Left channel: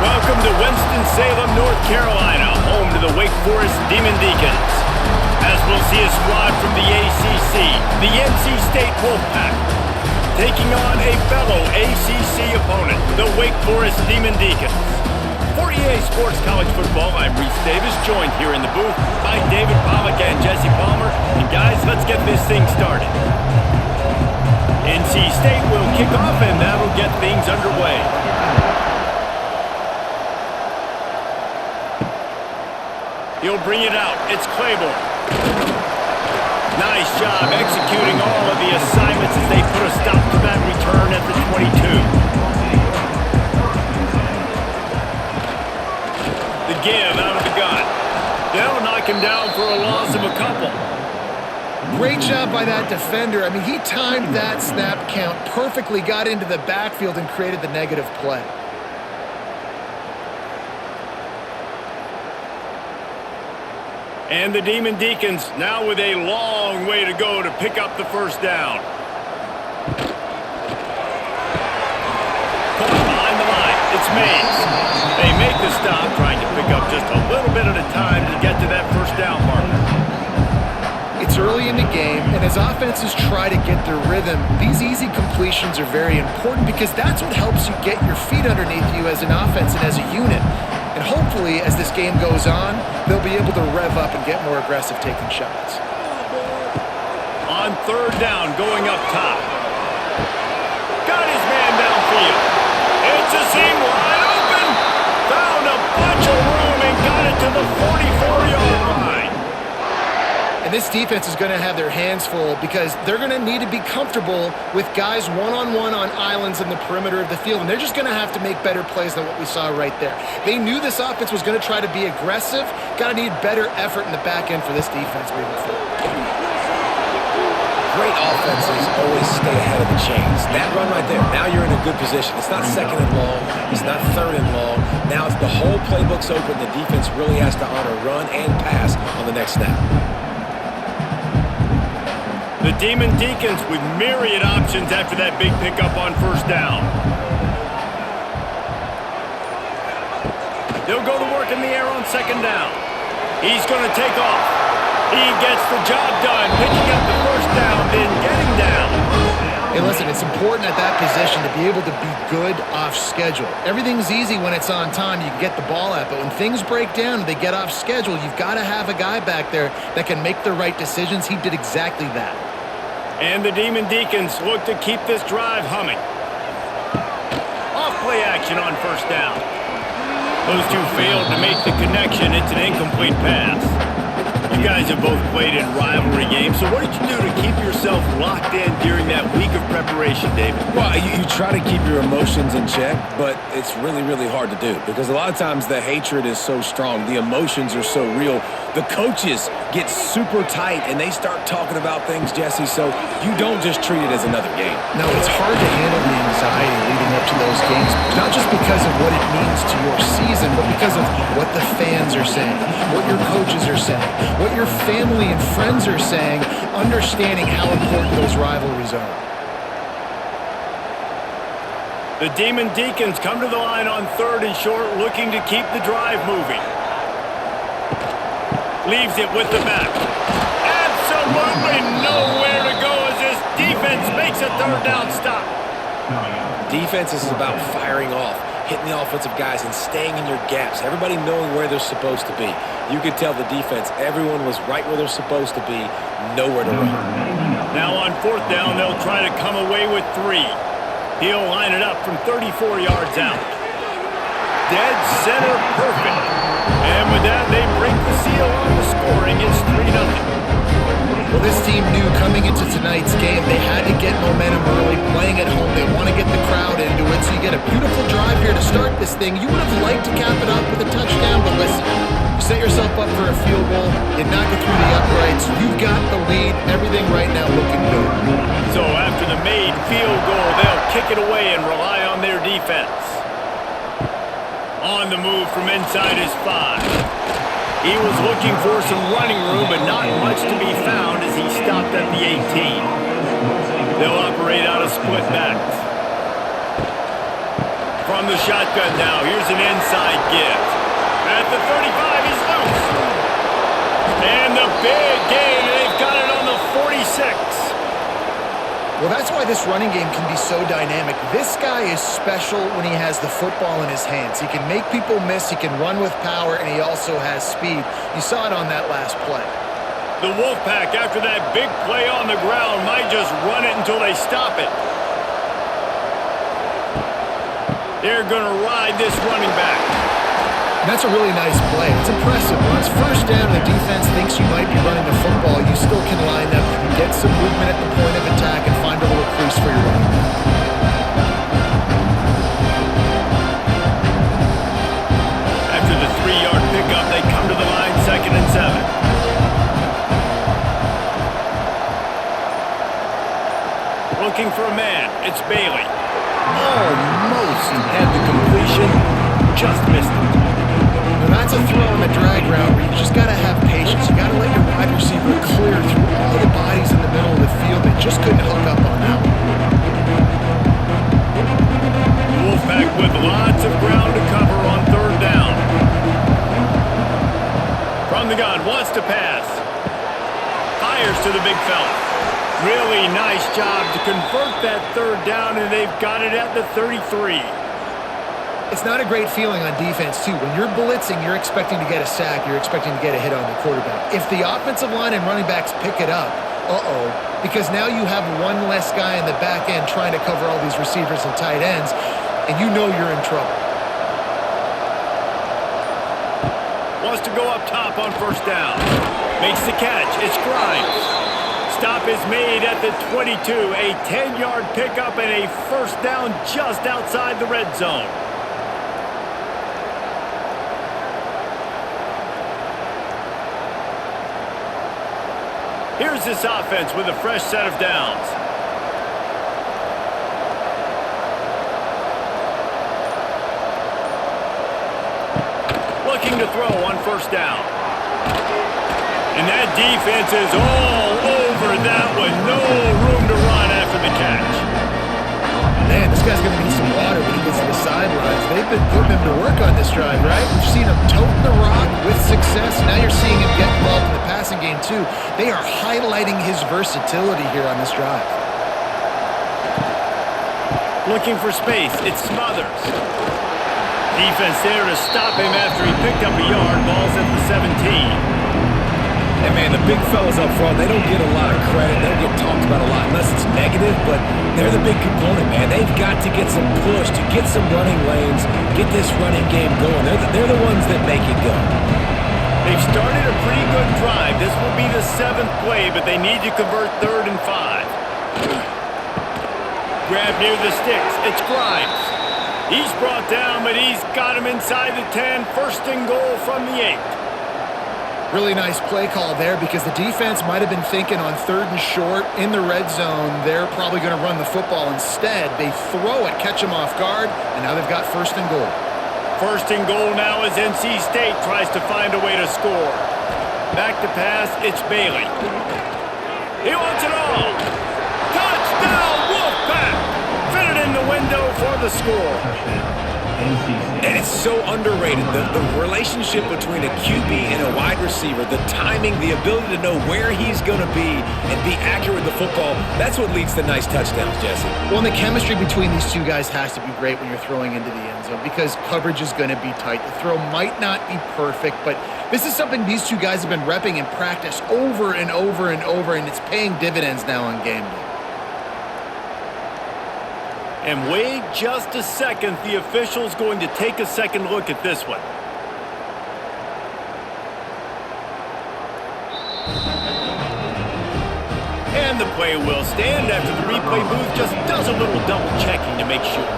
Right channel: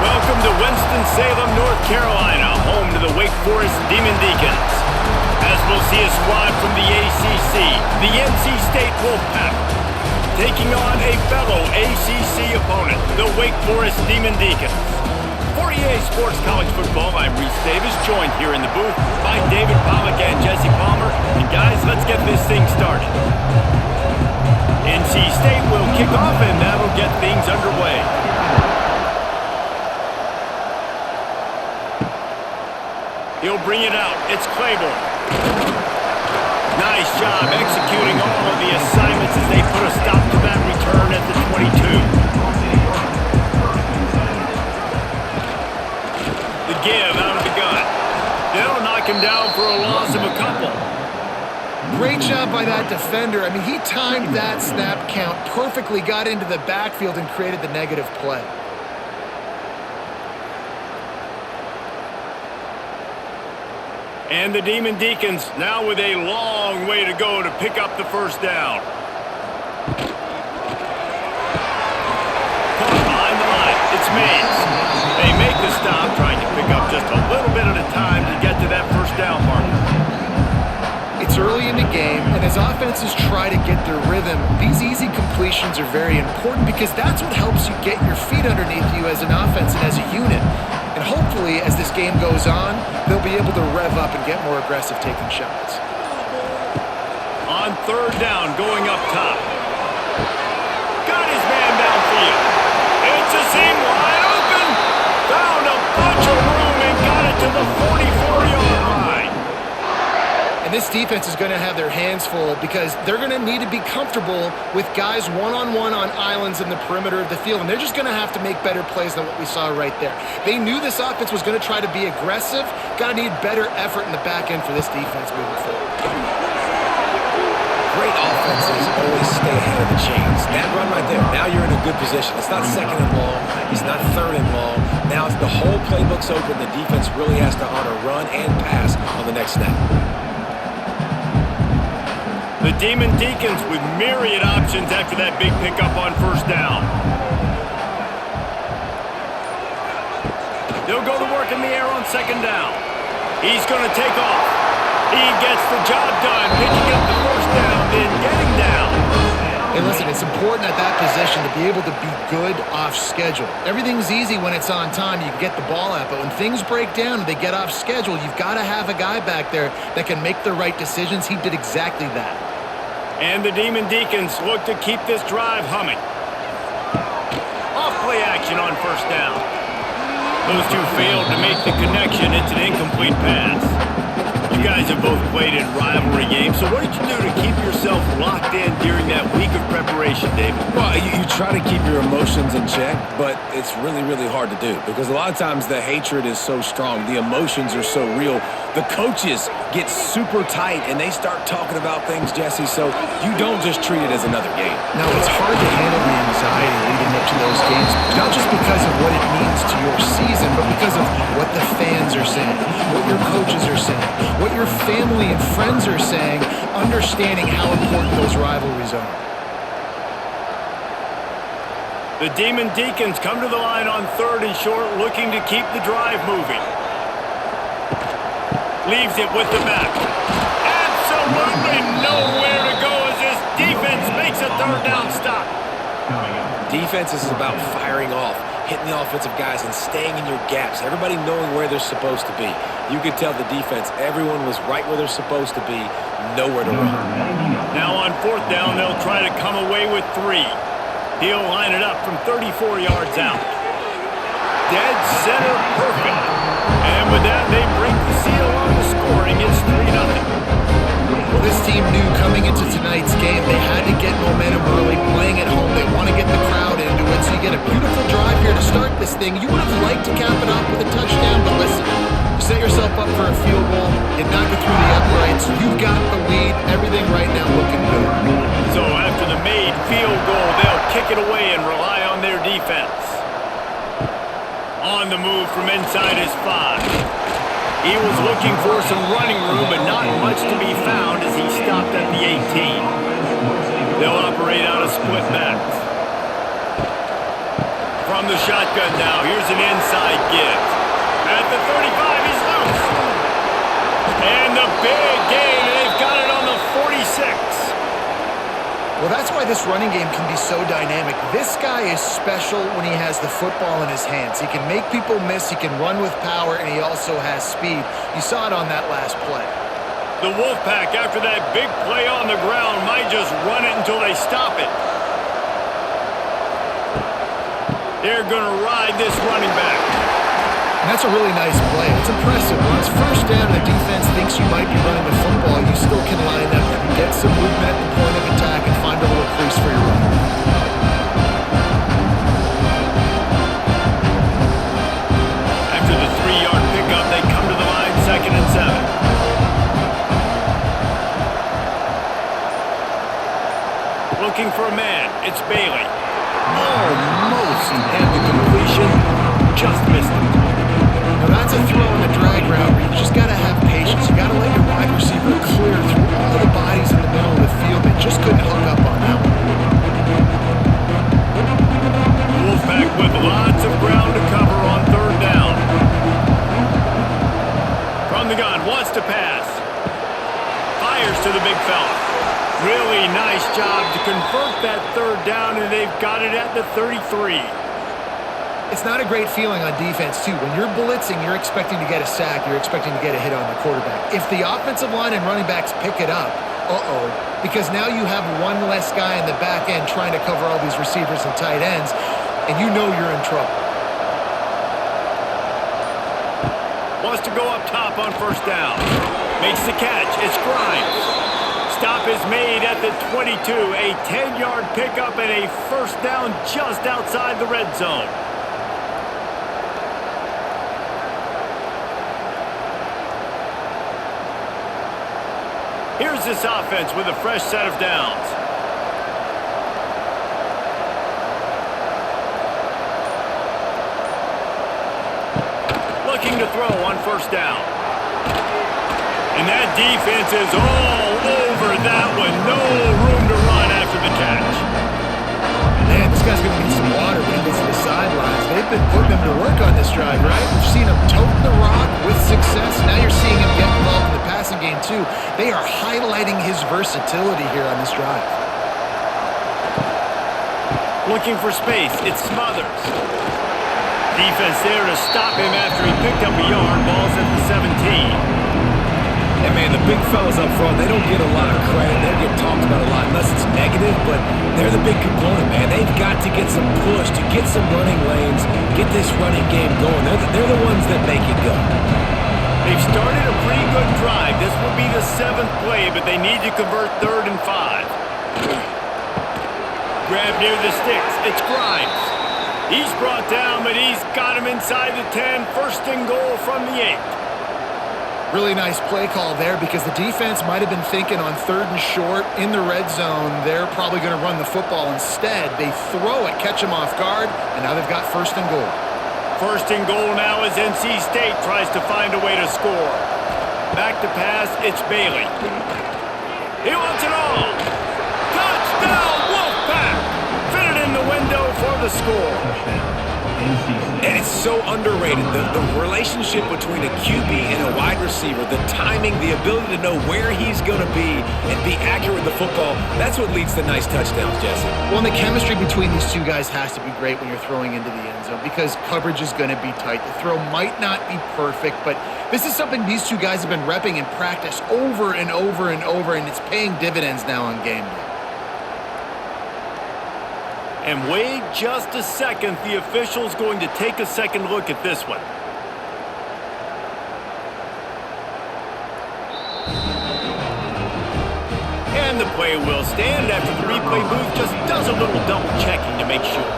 Welcome to Winston-Salem, North Carolina, home to the Wake Forest Demon Deacons. As we'll see a squad from the ACC, the NC State Wolfpack, taking on a fellow ACC opponent, the Wake Forest Demon Deacons. For EA Sports College Football, I'm Reese Davis, joined here in the booth by David Pollack and Jesse Palmer. And guys, let's get this thing started. NC State will kick off, and that'll get things underway. He'll bring it out. It's Claiborne. Nice job executing all of the assignments as they put a stop to that return at the 22. The give out of the gun. They'll knock him down for a loss of a couple. Great job by that defender. I mean, he timed that snap count perfectly, got into the backfield and created the negative play. And the Demon Deacons now with a long way to go to pick up the first down. Caught behind the line. It's Mays. They make the stop, trying to pick up just a little bit at a time to get to that first down marker. It's early in the game, and as offenses try to get their rhythm, these easy completions are very important because that's what helps you get your feet underneath you as an offense and as a unit. And hopefully, as this game goes on, they'll be able to rev up and get more aggressive taking shots. On third down, going up top. Got his man downfield. It's a seam wide open. Found a bunch of room and got it to the 44-yard line. And this defense is going to have their hands full because they're going to need to be comfortable with guys one-on-one on islands in the perimeter of the field. And they're just going to have to make better plays than what we saw right there. They knew this offense was going to try to be aggressive. Got to need better effort in the back end for this defense moving forward. Great offenses always stay ahead of the chains. That run right there, now you're in a good position. It's not second and long. It's not third and long. Now it's the whole playbook's open. The defense really has to honor run and pass on the next snap. The Demon Deacons with myriad options after that big pickup on first down. They'll go to work in the air on second down. He's going to take off. He gets the job done, picking up the first down, then getting down. Hey, listen, it's important at that position to be able to be good off schedule. Everything's easy when it's on time. You can get the ball out, but when things break down and they get off schedule, you've got to have a guy back there that can make the right decisions. He did exactly that. And the Demon Deacons look to keep this drive humming. Off play action on first down. Those two failed to make the connection. It's an incomplete pass. You guys have both played in rivalry games, so what did you do to keep yourself locked in during that week of preparation, David? Well, you try to keep your emotions in check, but it's really, really hard to do because a lot of times the hatred is so strong. The emotions are so real. The coaches get super tight, and they start talking about things, Jesse, so you don't just treat it as another game. Now, it's hard to handle the anxiety leading up to those games, not just because of what it means to your season, but because of what the fans are saying, what your coaches are saying, what your family and friends are saying, understanding how important those rivalries are. The Demon Deacons come to the line on third and short, looking to keep the drive moving. Leaves it with the back. Absolutely nowhere to go as this defense makes a third down stop. Defense is about firing off, hitting the offensive guys and staying in your gaps, everybody knowing where they're supposed to be. You could tell the defense, everyone was right where they're supposed to be, nowhere to run. Now on fourth down, they'll try to come away with 3. He'll line it up from 34 yards out. Dead center perfect. And with that, they break the seal on the scoring. It's 3-0. Well, this team knew coming into tonight's game they had to get momentum early, playing at home. They want to get the crowd into it, so you get a beautiful drive here to start this thing. You would have liked to cap it off with a touchdown, but listen, you set yourself up for a field goal, you knock it through the uprights, you've got the lead, everything right now looking good. So after the made field goal, they'll kick it away and rely on their defense. On the move from inside his 5. He was looking for some running room, but not much to be found as he stopped at the 18. They'll operate out of split backs. From the shotgun now, here's an inside give. At the 35, he's loose. And the big gain, and they've got it on the 46. Well, that's why this running game can be so dynamic. This guy is special when he has the football in his hands. He can make people miss, he can run with power, and he also has speed. You saw it on that last play. The Wolfpack, after that big play on the ground, might just run it until they stop it. They're going to ride this running back. And that's a really nice play. It's impressive. When it's first down and the defense thinks you might be running the football, you still can line up and get some movement at the point of attack and find a little crease for your running back. After the 3-yard pickup, they come to the line 2nd and 7. Looking for a man. It's Bailey. Almost had the completion, just missed it. Now that's a throw in the drag route where you just got to have patience. You got to let your wide receiver clear through all the bodies in the middle of the field. They just couldn't hook up on that one. The Wolfpack with lots of ground to cover on 3rd down. From the gun, wants to pass. Fires to the big fella. Really nice job to convert that 3rd down, and they've got it at the 33. It's not a great feeling on defense, too. When you're blitzing, you're expecting to get a sack. You're expecting to get a hit on the quarterback. If the offensive line and running backs pick it up, because now you have one less guy in the back end trying to cover all these receivers and tight ends, and you know you're in trouble. Wants to go up top on 1st down. Makes the catch. It's Grimes. Stop is made at the 22. A 10-yard pickup and a 1st down just outside the red zone. Here's this offense with a fresh set of downs. Looking to throw on 1st down. And that defense is all over that one. No room to run after the catch. Man, this guy's going to need some water when he gets to the sidelines. They've been putting him to work on this drive, right? We've seen him toting the rock with success. Now you're seeing him get involved in the passing game, too. They are highlighting his versatility here on this drive. Looking for space. It's Smothers. Defense there to stop him after he picked up a yard. Ball's at the 17. And, man, the big fellas up front, they don't get a lot of credit. They don't get talked about a lot unless it's negative, but they're the big component, man. They've got to get some push, to get some running lanes, get this running game going. They're the ones that make it go. They've started a pretty good drive. This will be the 7th play, but they need to convert 3rd and 5. Grab near the sticks. It's Grimes. He's brought down, but he's got him inside the 10. 1st and goal from the 8. Really nice play call there because the defense might have been thinking on 3rd and short in the red zone. They're probably going to run the football. Instead, they throw it, catch them off guard, and now they've got 1st and goal. 1st and goal now as NC State tries to find a way to score. Back to pass, it's Bailey. He wants it all. Touchdown, Wolfpack! Fitted in the window for the score. And it's so underrated. The relationship between a QB and a wide receiver, the timing, the ability to know where he's going to be and be accurate with the football, that's what leads to nice touchdowns, Jesse. Well, and the chemistry between these two guys has to be great when you're throwing into the end zone because coverage is going to be tight. The throw might not be perfect, but this is something these two guys have been repping in practice over and over and over, and it's paying dividends now on game day. And wait just a second, the official's going to take a second look at this one. And the play will stand after the replay booth just does a little double checking to make sure.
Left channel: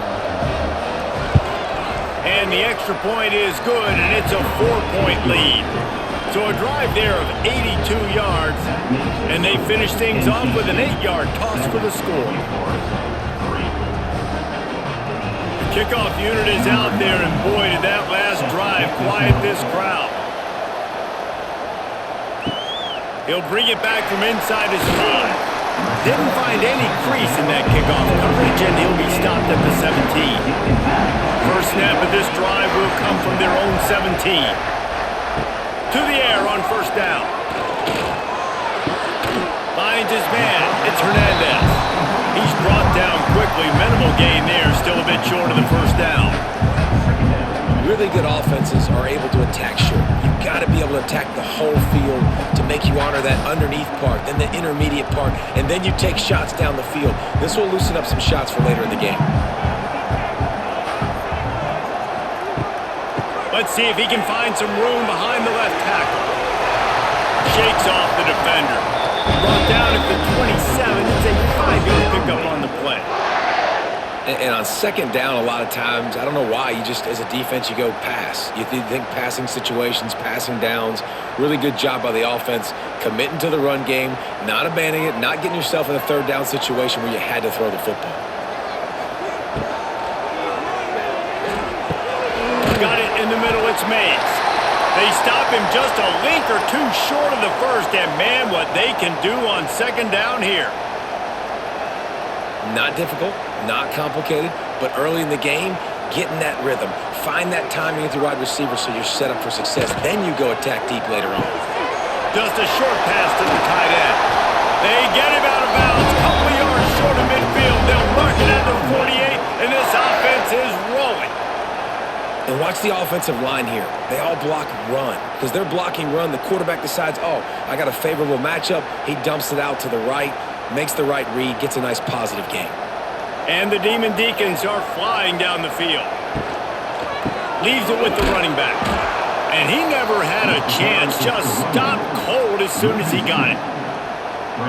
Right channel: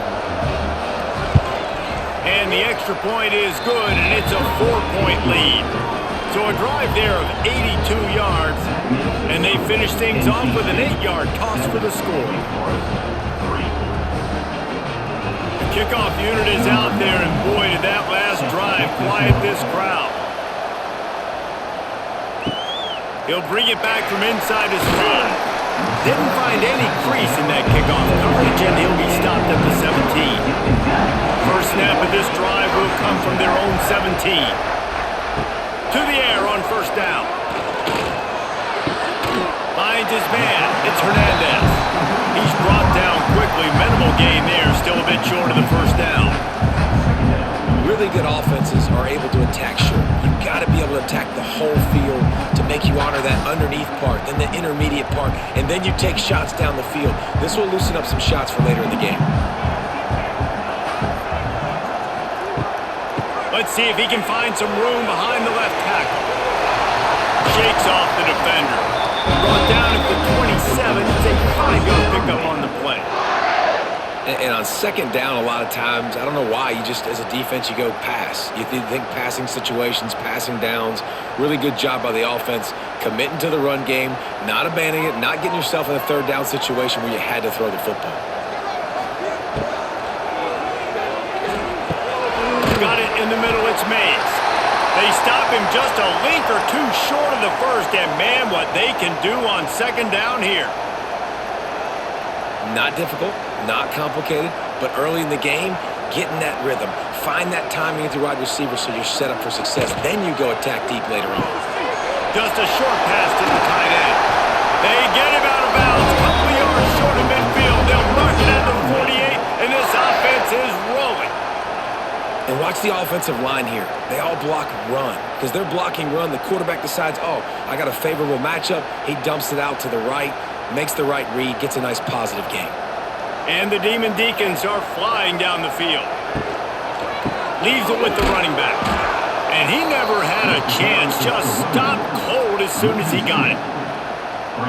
And the extra point is good, and it's a 4-point lead. So a drive there of 82 yards, and they finish things off with an 8-yard toss for the score. Kickoff unit is out there, and boy, did that last drive quiet this crowd. He'll bring it back from inside his 5. Didn't find any crease in that kickoff coverage, and he'll be stopped at the 17. First snap of this drive will come from their own 17. To the air on first down. Finds his man. It's Hernandez. He's brought down quickly. Minimal gain there. Still a bit short of the first down. Really good offenses are able to attack short. You've got to be able to attack the whole field to make you honor that underneath part, then the intermediate part, and then you take shots down the field. This will loosen up some shots for later in the game. Let's see if he can find some room behind the left tackle. Shakes off the defender. Brought down at the 27. It's a 5-yard pickup on the play. And on second down, a lot of times, I don't know why, you just, as a defense, you go pass. You think passing situations, passing downs. Really good job by the offense, committing to the run game, not abandoning it, not getting yourself in a third down situation where you had to throw the football. Got it in the middle, it's Mays. They stop him just a link or two short of the first, and man, what they can do on second down here. Not difficult, not complicated, but early in the game, get in that rhythm. Find that timing at your wide receiver so you're set up for success. Then you go attack deep later on. Just a short pass to the tight end. They get him out of bounds, couple of yards short of midfield. They'll mark it at the 48, and this offense is rolling. And watch the offensive line here. They all block run. Because they're blocking run, the quarterback decides, oh, I got a favorable matchup. He dumps it out to the right, makes the right read, gets a nice positive gain. And the Demon Deacons are flying down the field. Leaves it with the running back. And he never had a chance. Just stopped cold as soon as he got it.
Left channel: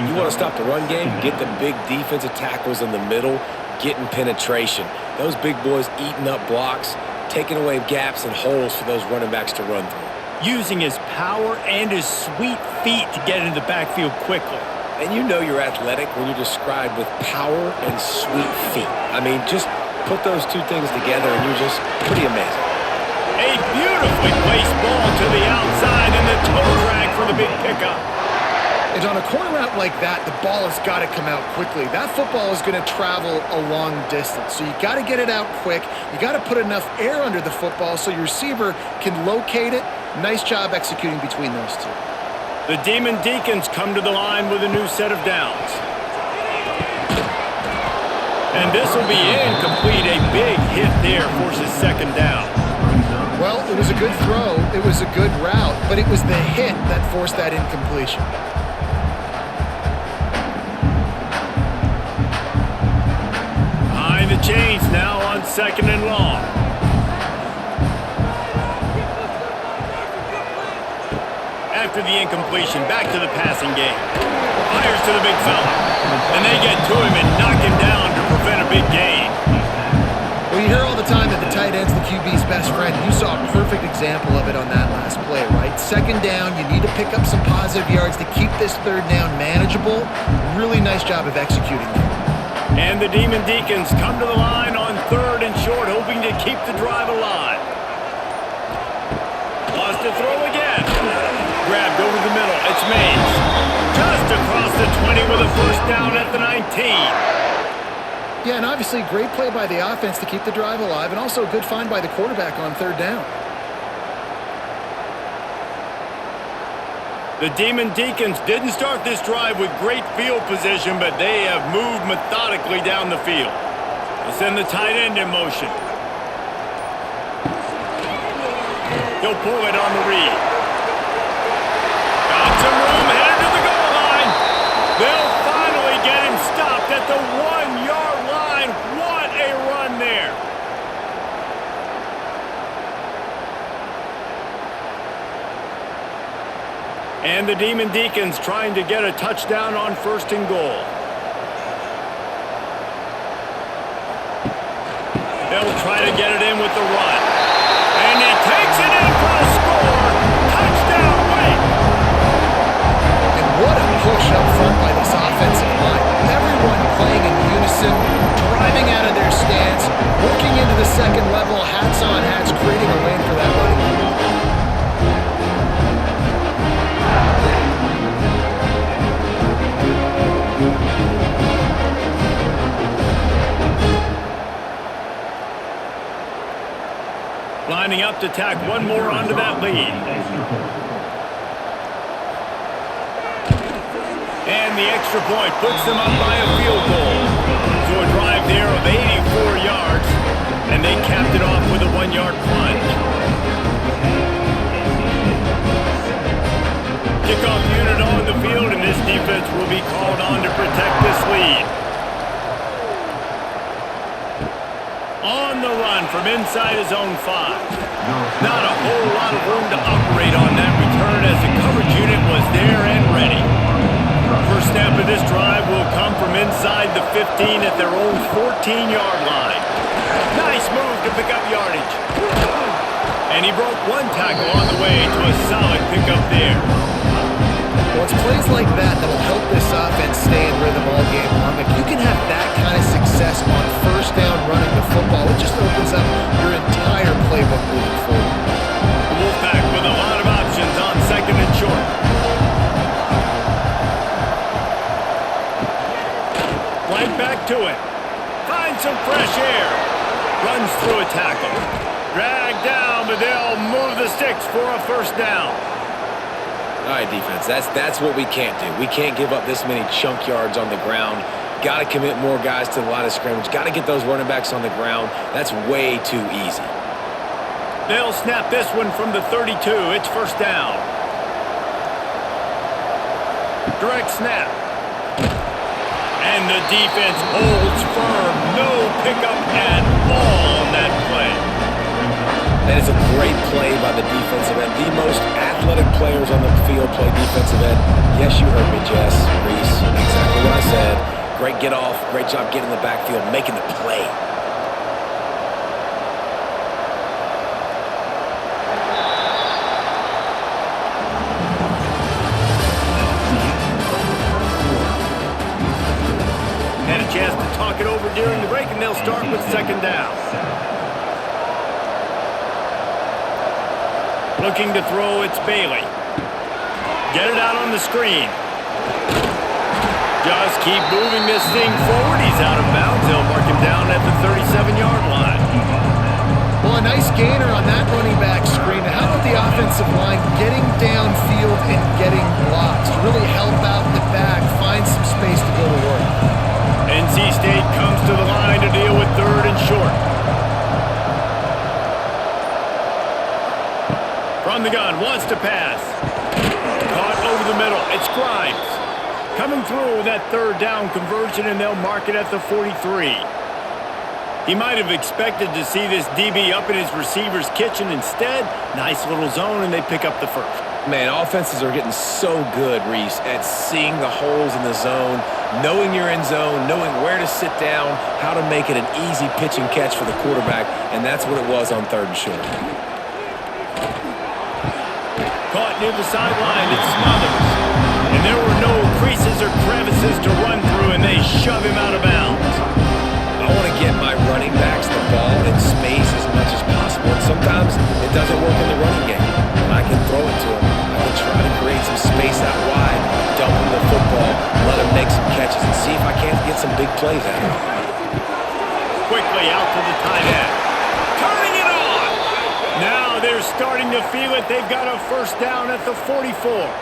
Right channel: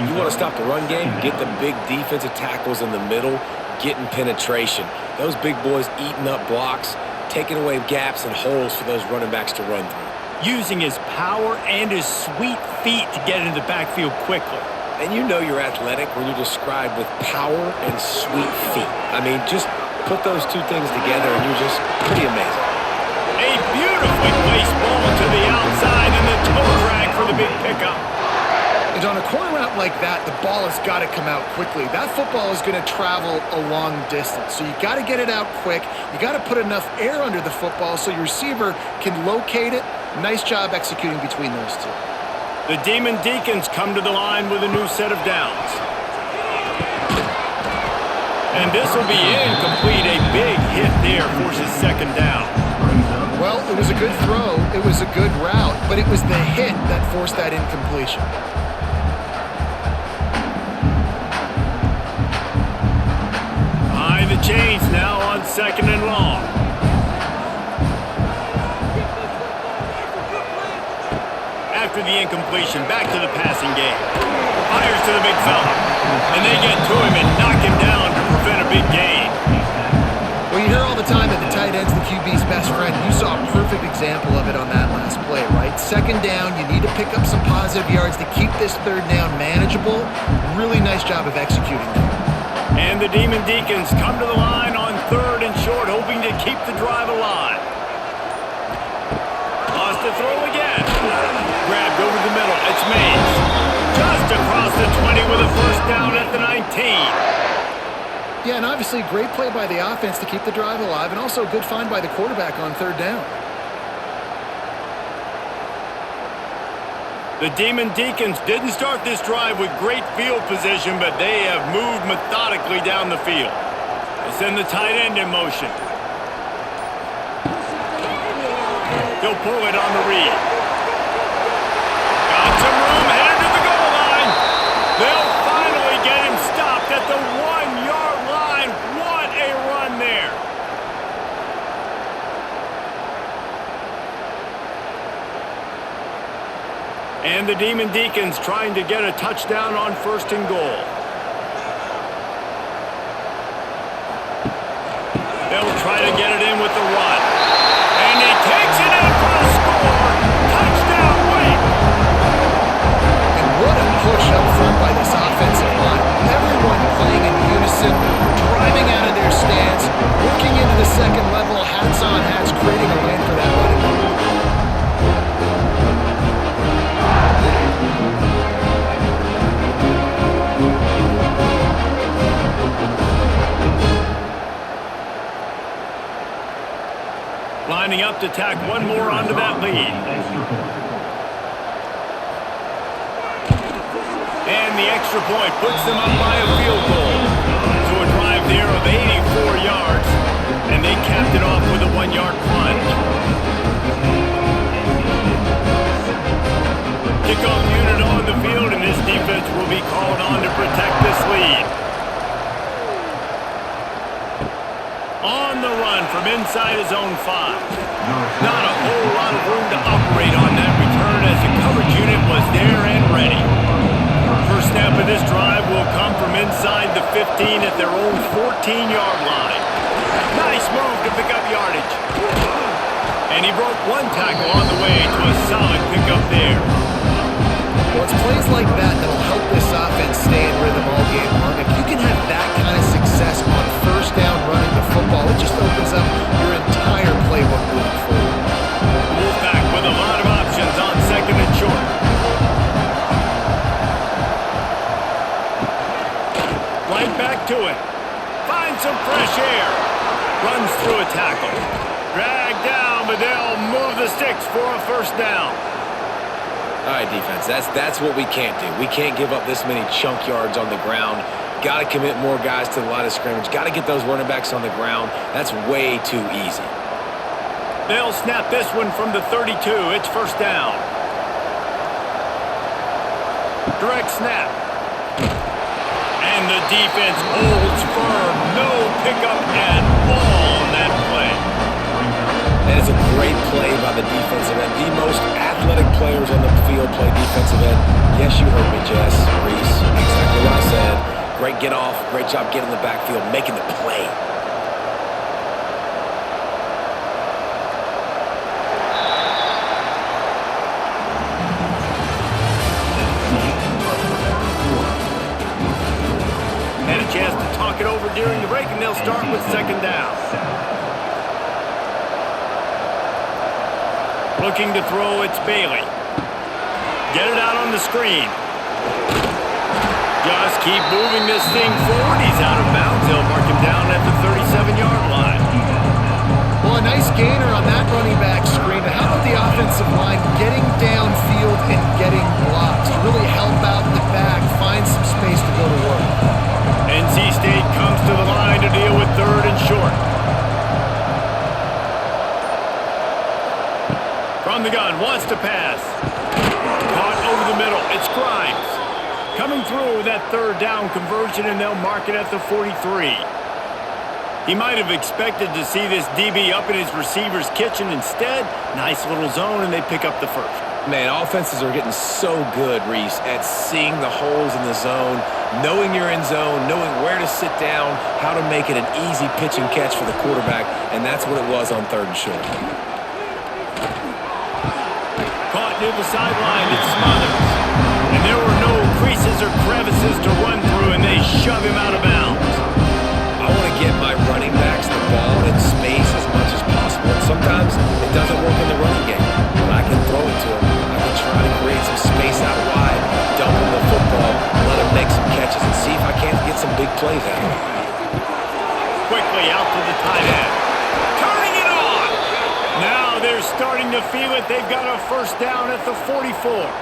You want to stop the run game? Get the big defensive tackles in the middle, getting penetration. Those big boys eating up blocks, taking away gaps and holes for those running backs to run through. Using his power and his sweet feet to get into the backfield quickly. And you know you're athletic when you're described with power and sweet feet. I mean, just put those two things together and you're just pretty amazing. A beautifully placed ball to the outside and the toe drag for the big pickup. And on a corner route like that, the ball has got to come out quickly. That football is going to travel a long distance. So you got to get it out quick. You got to put enough air under the football so your receiver can locate it. Nice job executing between those two. The Demon Deacons come to the line with a new set of downs. And this will be incomplete. A big hit there forces second down. Well, it was a good throw. It was a good route, but it was the hit that forced that incompletion. Behind the chains now on second and long. After the incompletion, back to the passing game. Fires to the big fella. And they get to him and knock him down to prevent a big gain. Well, you hear all the time that the tight end's the QB's best friend. You saw a perfect example of it on that last play, right? Second down, you need to pick up some positive yards to keep this third down manageable. Really nice job of executing there. And the Demon Deacons come to the line on third and short, hoping to keep the drive alive. Lost to throw again. Grabbed over the middle. It's Mays. Just across the 20 with a first down at the 19. Yeah, and obviously great play by the offense to keep the drive alive, and also a good find by the quarterback on third down. The Demon Deacons didn't start this drive with great field position, but they have moved methodically down the field. They'll send the tight end in motion. He'll pull it on the read. Got some room, headed to the goal line. They'll finally get him stopped at the 1-yard line. What a run there. And the Demon Deacons trying to get a touchdown on first and goal. They'll try to get it in with the run. And he takes it in for the score. Touchdown, Wake! And what a push up front by this offensive line. Everyone playing in unison, driving out of their stance, working into the second level, hats on hats, creating a lane for that running back. Lining up to tack one more onto that lead. And the extra point puts them up by a field goal. So a drive there of 84 yards, and they capped it off with a 1-yard plunge. Kickoff unit on the field, and this defense will be called on to protect this lead. On the run from inside his own 5. Not a whole lot of room to operate on that return as the coverage unit was there and ready. First snap of this drive will come from inside the 15 at their own 14-yard line. Nice move to pick up yardage. And he broke one tackle on the way to a solid pickup there. Well, it's plays like that that'll help this offense stay in rhythm all game long. If you can have that kind of success on first down running the football, it just opens up your entire playbook moving forward. The Wolfpack with a lot of options on second and short. Right back to it. Finds some fresh air. Runs through a tackle. Dragged down, but they'll move the sticks for a first down. All right, defense, that's what we can't do. We can't give up this many chunk yards on the ground. Got to commit more guys to the line of scrimmage. Got to get those running backs on the ground. That's way too easy. They'll snap this one from the 32. It's first down. Direct snap. And the defense holds firm. No pickup at all on that play. That is a great play by the defensive end. The most athletic players on the field play defensive end. Yes, you heard me, Jess, Reese. Exactly what I said. Great get off. Great job getting in the backfield, making the play. Had a chance to talk it over during the break, and they'll start with second down. Looking to throw, it's Bailey. Get it out on the screen. Just keep moving this thing forward. He's out of bounds. They'll mark him down at the 37-yard line. Well, a nice gainer on that running back screen. How about the offensive line getting downfield and getting blocks to really help out the back, find some space to go to work. NC State comes to the line to deal with third and short. From the gun, wants to pass. Caught over the middle. It's Grimes. Coming through with that third down conversion, and they'll mark it at the 43. He might have expected to see this DB up in his receiver's kitchen. Instead, nice little zone, and they pick up the first. Man, offenses are getting so good, Reese, at seeing the holes in the zone, knowing you're in zone, knowing where to sit down, how to make it an easy pitch and catch for the quarterback, and that's what it was on third and short. Caught near the sideline, it's Smothers. And there were no creases or crevices to run through, and they shove him out of bounds. I want to get my running backs the ball in space as much as possible. And sometimes it doesn't work in the running game, but I can throw it to him. I can try to create some space out wide, dump him the football, let him make some catches, and see if I can't get some big plays out of him. Quickly out to the tight end. Turning it on! Now they're starting to feel it. They've got a first down at the 44.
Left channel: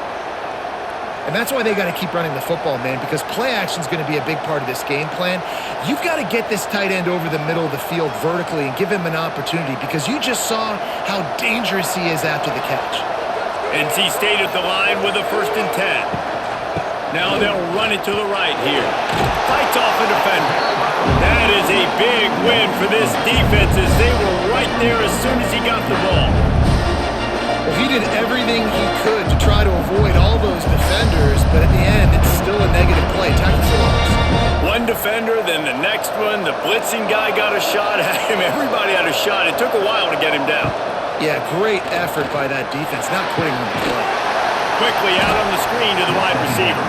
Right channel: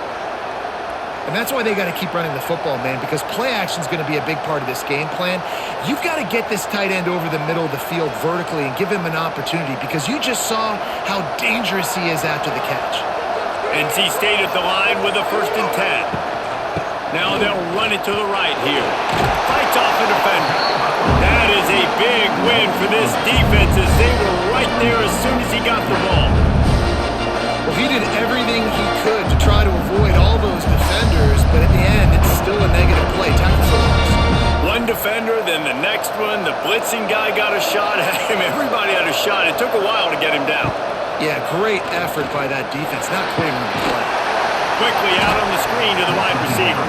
And that's why they got to keep running the football, man, because play action is going to be a big part of this game plan. You've got to get this tight end over the middle of the field vertically and give him an opportunity, because you just saw how dangerous he is after the catch. NC State at the line with a 1st and 10. Now they'll run it to the right here. Fights off a defender. That is a big win for this defense, as they were right there as soon as he got the ball. Well, he did everything he could to try to avoid all those defenders, but at the end, it's still a negative play. Tackle for loss. One defender, then the next one. The blitzing guy got a shot at him. Everybody had a shot. It took a while to get him down. Yeah, great effort by that defense, not quitting on the play. Quickly out on the screen to the wide receiver.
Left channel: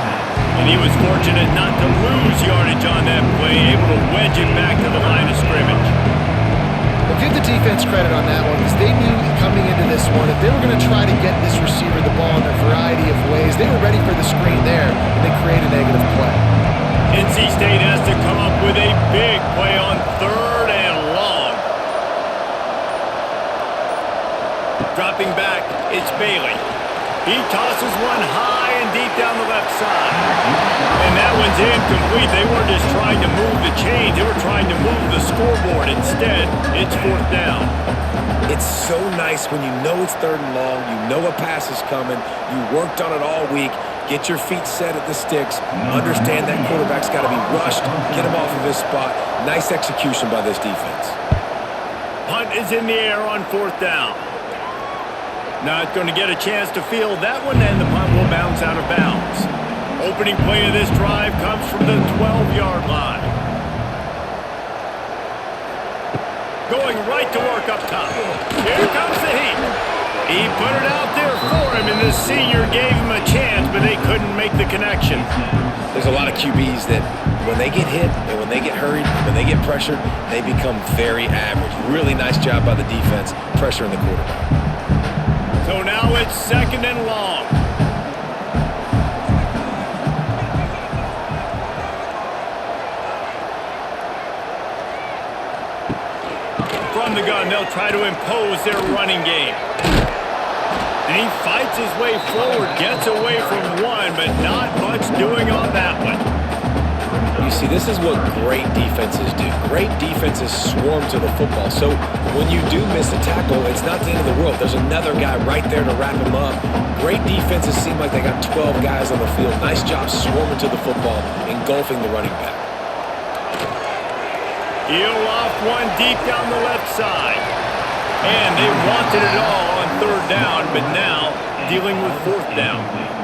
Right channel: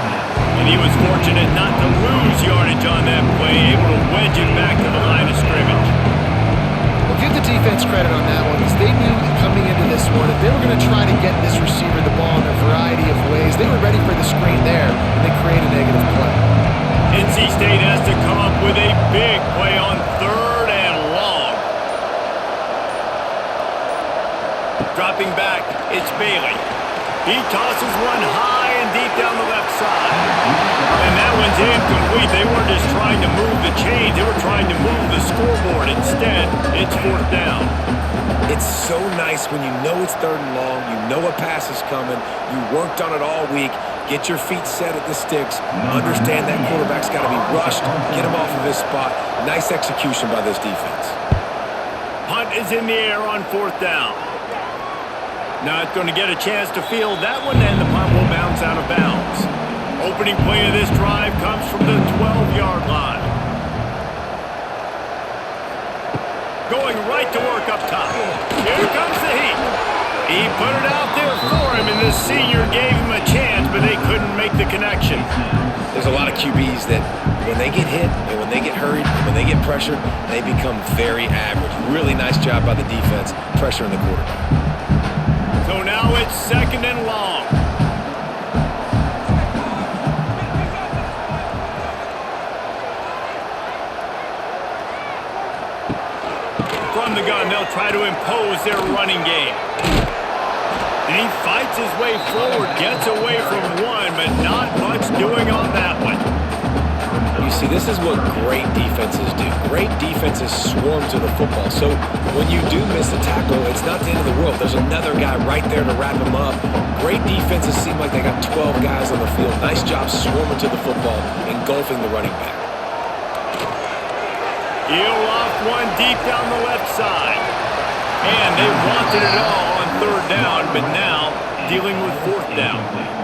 And he was fortunate not to lose yardage on that play, able to wedge it back to the line of scrimmage. Well, give the defense credit on that one, because they knew coming into this one that they were going to try to get this receiver the ball in a variety of ways. They were ready for the screen there, and they create a negative play. NC State has to come up with a big play on 3rd and long. Dropping back, it's Bailey. He tosses one high and deep down the left side. And that one's incomplete. They weren't just trying to move the chains. They were trying to move the scoreboard. Instead, it's 4th down. It's so nice when you know it's 3rd and long, you know a pass is coming, you worked on it all week, get your feet set at the sticks, understand that quarterback's got to be rushed, get him off of his spot. Nice execution by this defense. Punt is in the air on 4th down. Not going to get a chance to field that one, and the punt will bounce out of bounds. Opening play of this drive comes from the 12-yard line. Going right to work up top. Here comes the heat. He put it out there for him, and this senior gave him a chance, but they couldn't make the connection. There's a lot of QBs that when they get hit and when they get hurried and when they get pressured, they become very average. Really nice job by the defense, pressuring the quarterback. So now it's 2nd and long. From the gun, they'll try to impose their running game. And he fights his way forward, gets away from one, but not much doing on that one. You see, this is what great defenses do. Great defenses swarm to the football. So when you do miss a tackle, it's not the end of the world. There's another guy right there to wrap him up. Great defenses seem like they got 12 guys on the field. Nice job swarming to the football, engulfing the running back. He'll loft one deep down the left side. And they wanted it all on 3rd down, but now dealing with 4th down.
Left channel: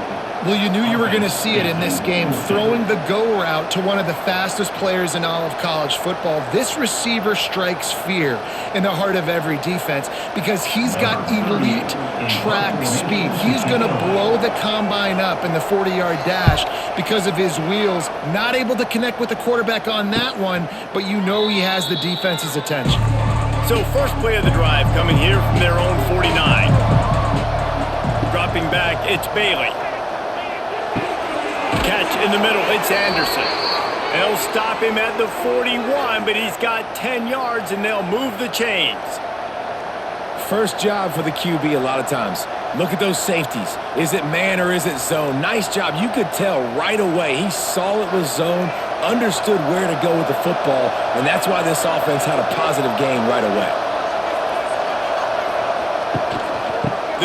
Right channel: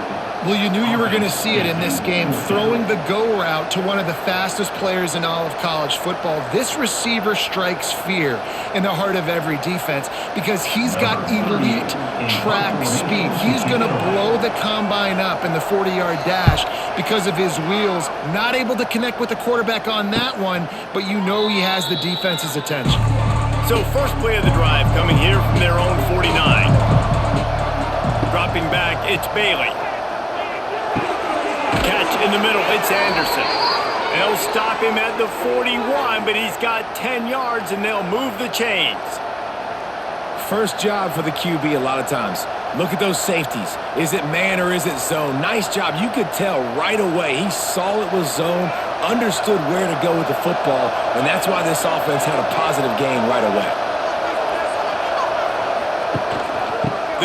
Well, you knew you were going to see it in this game, throwing the go route to one of the fastest players in all of college football. This receiver strikes fear in the heart of every defense because he's got elite track speed. He's going to blow the combine up in the 40-yard dash because of his wheels. Not able to connect with the quarterback on that one, but you know he has the defense's attention. So first play of the drive coming here from their own 49. Dropping back, it's Bailey. Catch in the middle, it's Anderson. They'll stop him at the 41, but he's got 10 yards, and they'll move the chains. First job for the QB a lot of times. Look at those safeties. Is it man or is it zone? Nice job. You could tell right away. He saw it was zone, understood where to go with the football, and that's why this offense had a positive gain right away.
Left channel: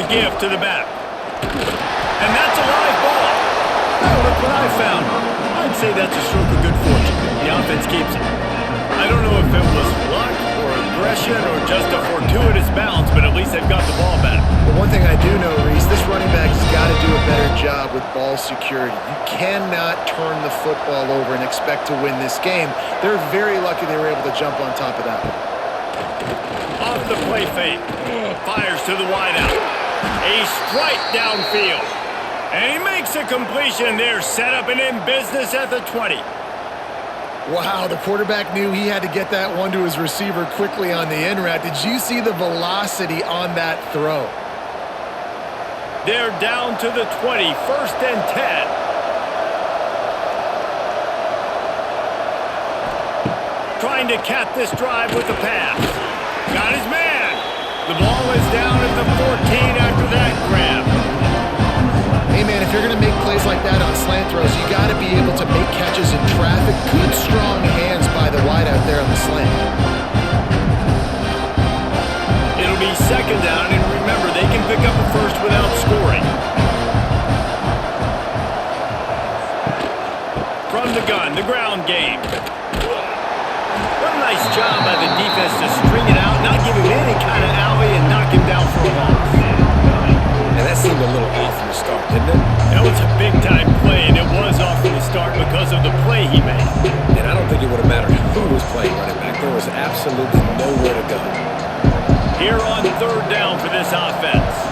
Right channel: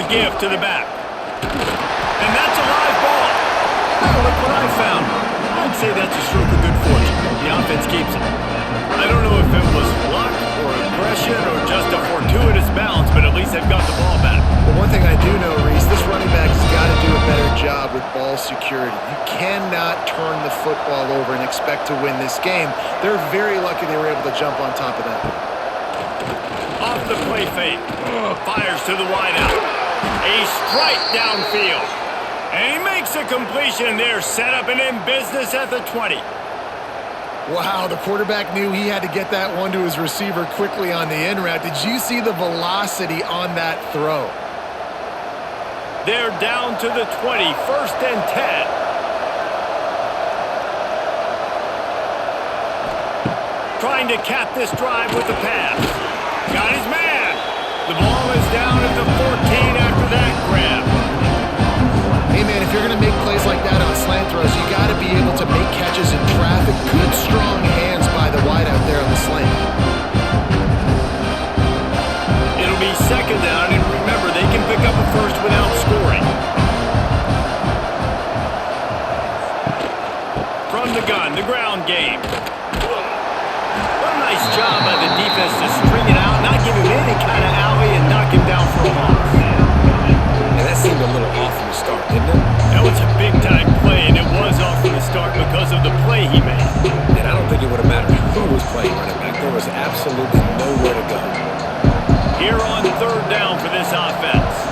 The give to the back. And that's a live ball. Oh, look what I found. I'd say that's a stroke of good fortune. The offense keeps it. I don't know if it was luck or aggression or just a fortuitous bounce, but at least they've got the ball back. Well, one thing I do know, Reese, this running back has got to do a better job with ball security. You cannot turn the football over and expect to win this game. They're very lucky they were able to jump on top of that one. Off the play fake. Fires to the wideout. A strike downfield. And he makes a completion there, set up and in business at the 20. Wow, the quarterback knew he had to get that one to his receiver quickly on the in route. Did you see the velocity on that throw? They're down to the 20, 1st and 10. Trying to cap this drive with the pass. Got his man. The ball is down at the 14 after that grab. Hey, man, if you're going to make plays like that on slant throws, you got to be able to make catches in traffic. Good, strong hands by the wideout there on the slant. It'll be 2nd down, and remember, they can pick up a first without scoring. From the gun, the ground game. What a nice job by the defense to string it out, not give him any kind of alley, and knock him down for a loss. And that seemed a little off from the start, didn't it? That was a big-time play, and it was off from the start because of the play he made. And I don't think it would have mattered who was playing running back. There was absolutely nowhere to go. Here on 3rd down for this offense.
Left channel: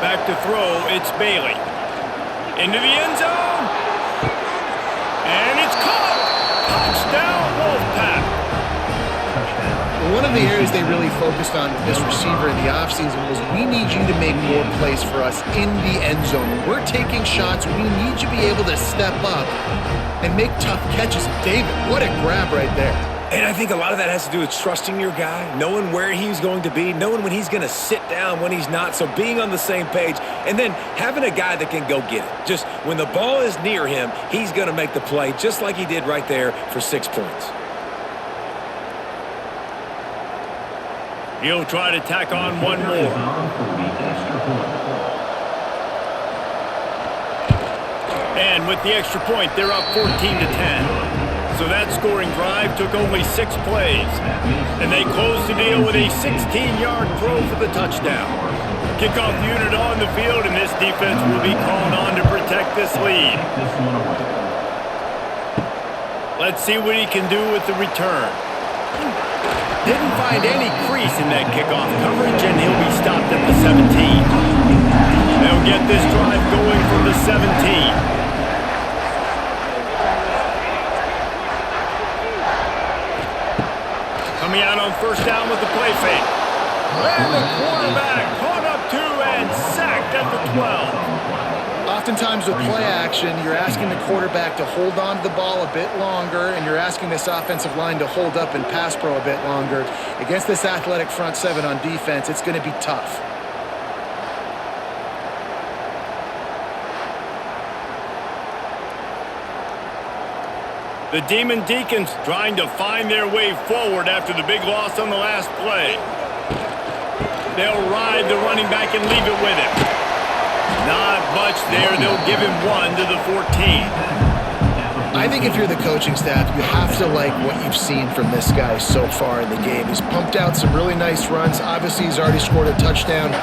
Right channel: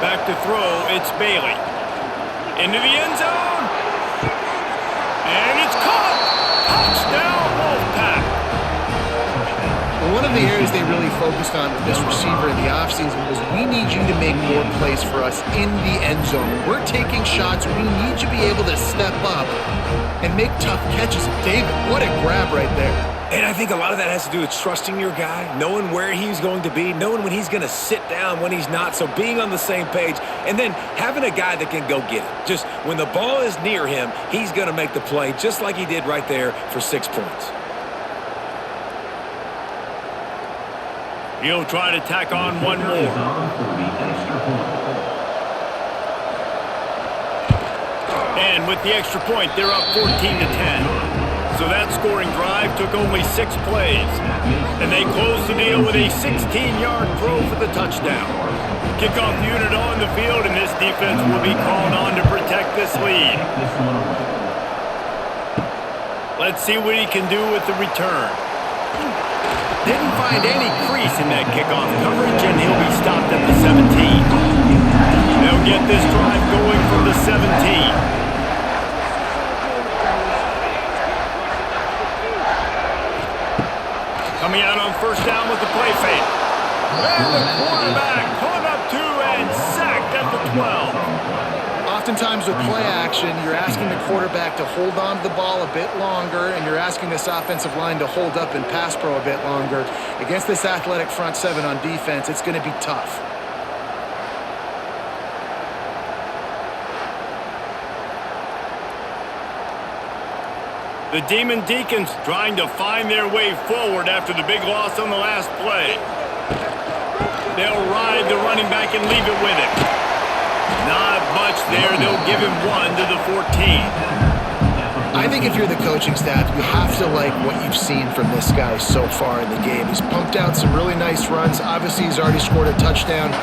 Back to throw, it's Bailey. Into the end zone. And it's caught. Touchdown, Wolfpack. One of the areas they really focused on with this receiver in the offseason was we need you to make more plays for us in the end zone. When we're taking shots, we need you to be able to step up and make tough catches. David, what a grab right there. And I think a lot of that has to do with trusting your guy, knowing where he's going to be, knowing when he's going to sit down, when he's not, so being on the same page, and then having a guy that can go get it. Just when the ball is near him, he's going to make the play, just like he did right there for 6 points. He'll try to tack on one more. And with the extra point, they're up 14-10. So that scoring drive took only 6 plays. And they closed the deal with a 16-yard throw for the touchdown. Kickoff unit on the field, and this defense will be called on to protect this lead. Let's see what he can do with the return. Didn't find any crease in that kickoff coverage, and he'll be stopped at the 17. They'll get this drive going from the 17. Coming out on first down with the play fake. And the quarterback caught up 2 and sacked at the 12. Oftentimes with play action, you're asking the quarterback to hold on to the ball a bit longer, and you're asking this offensive line to hold up in pass pro a bit longer. Against this athletic front seven on defense, it's going to be tough. The Demon Deacons trying to find their way forward after the big loss on the last play. They'll ride the running back and leave it with him. Not much there. They'll give him 1 to the 14. I think if you're the coaching staff, you have to like what you've seen from this guy so far in the game. He's pumped out some really nice runs. Obviously, he's already scored a touchdown.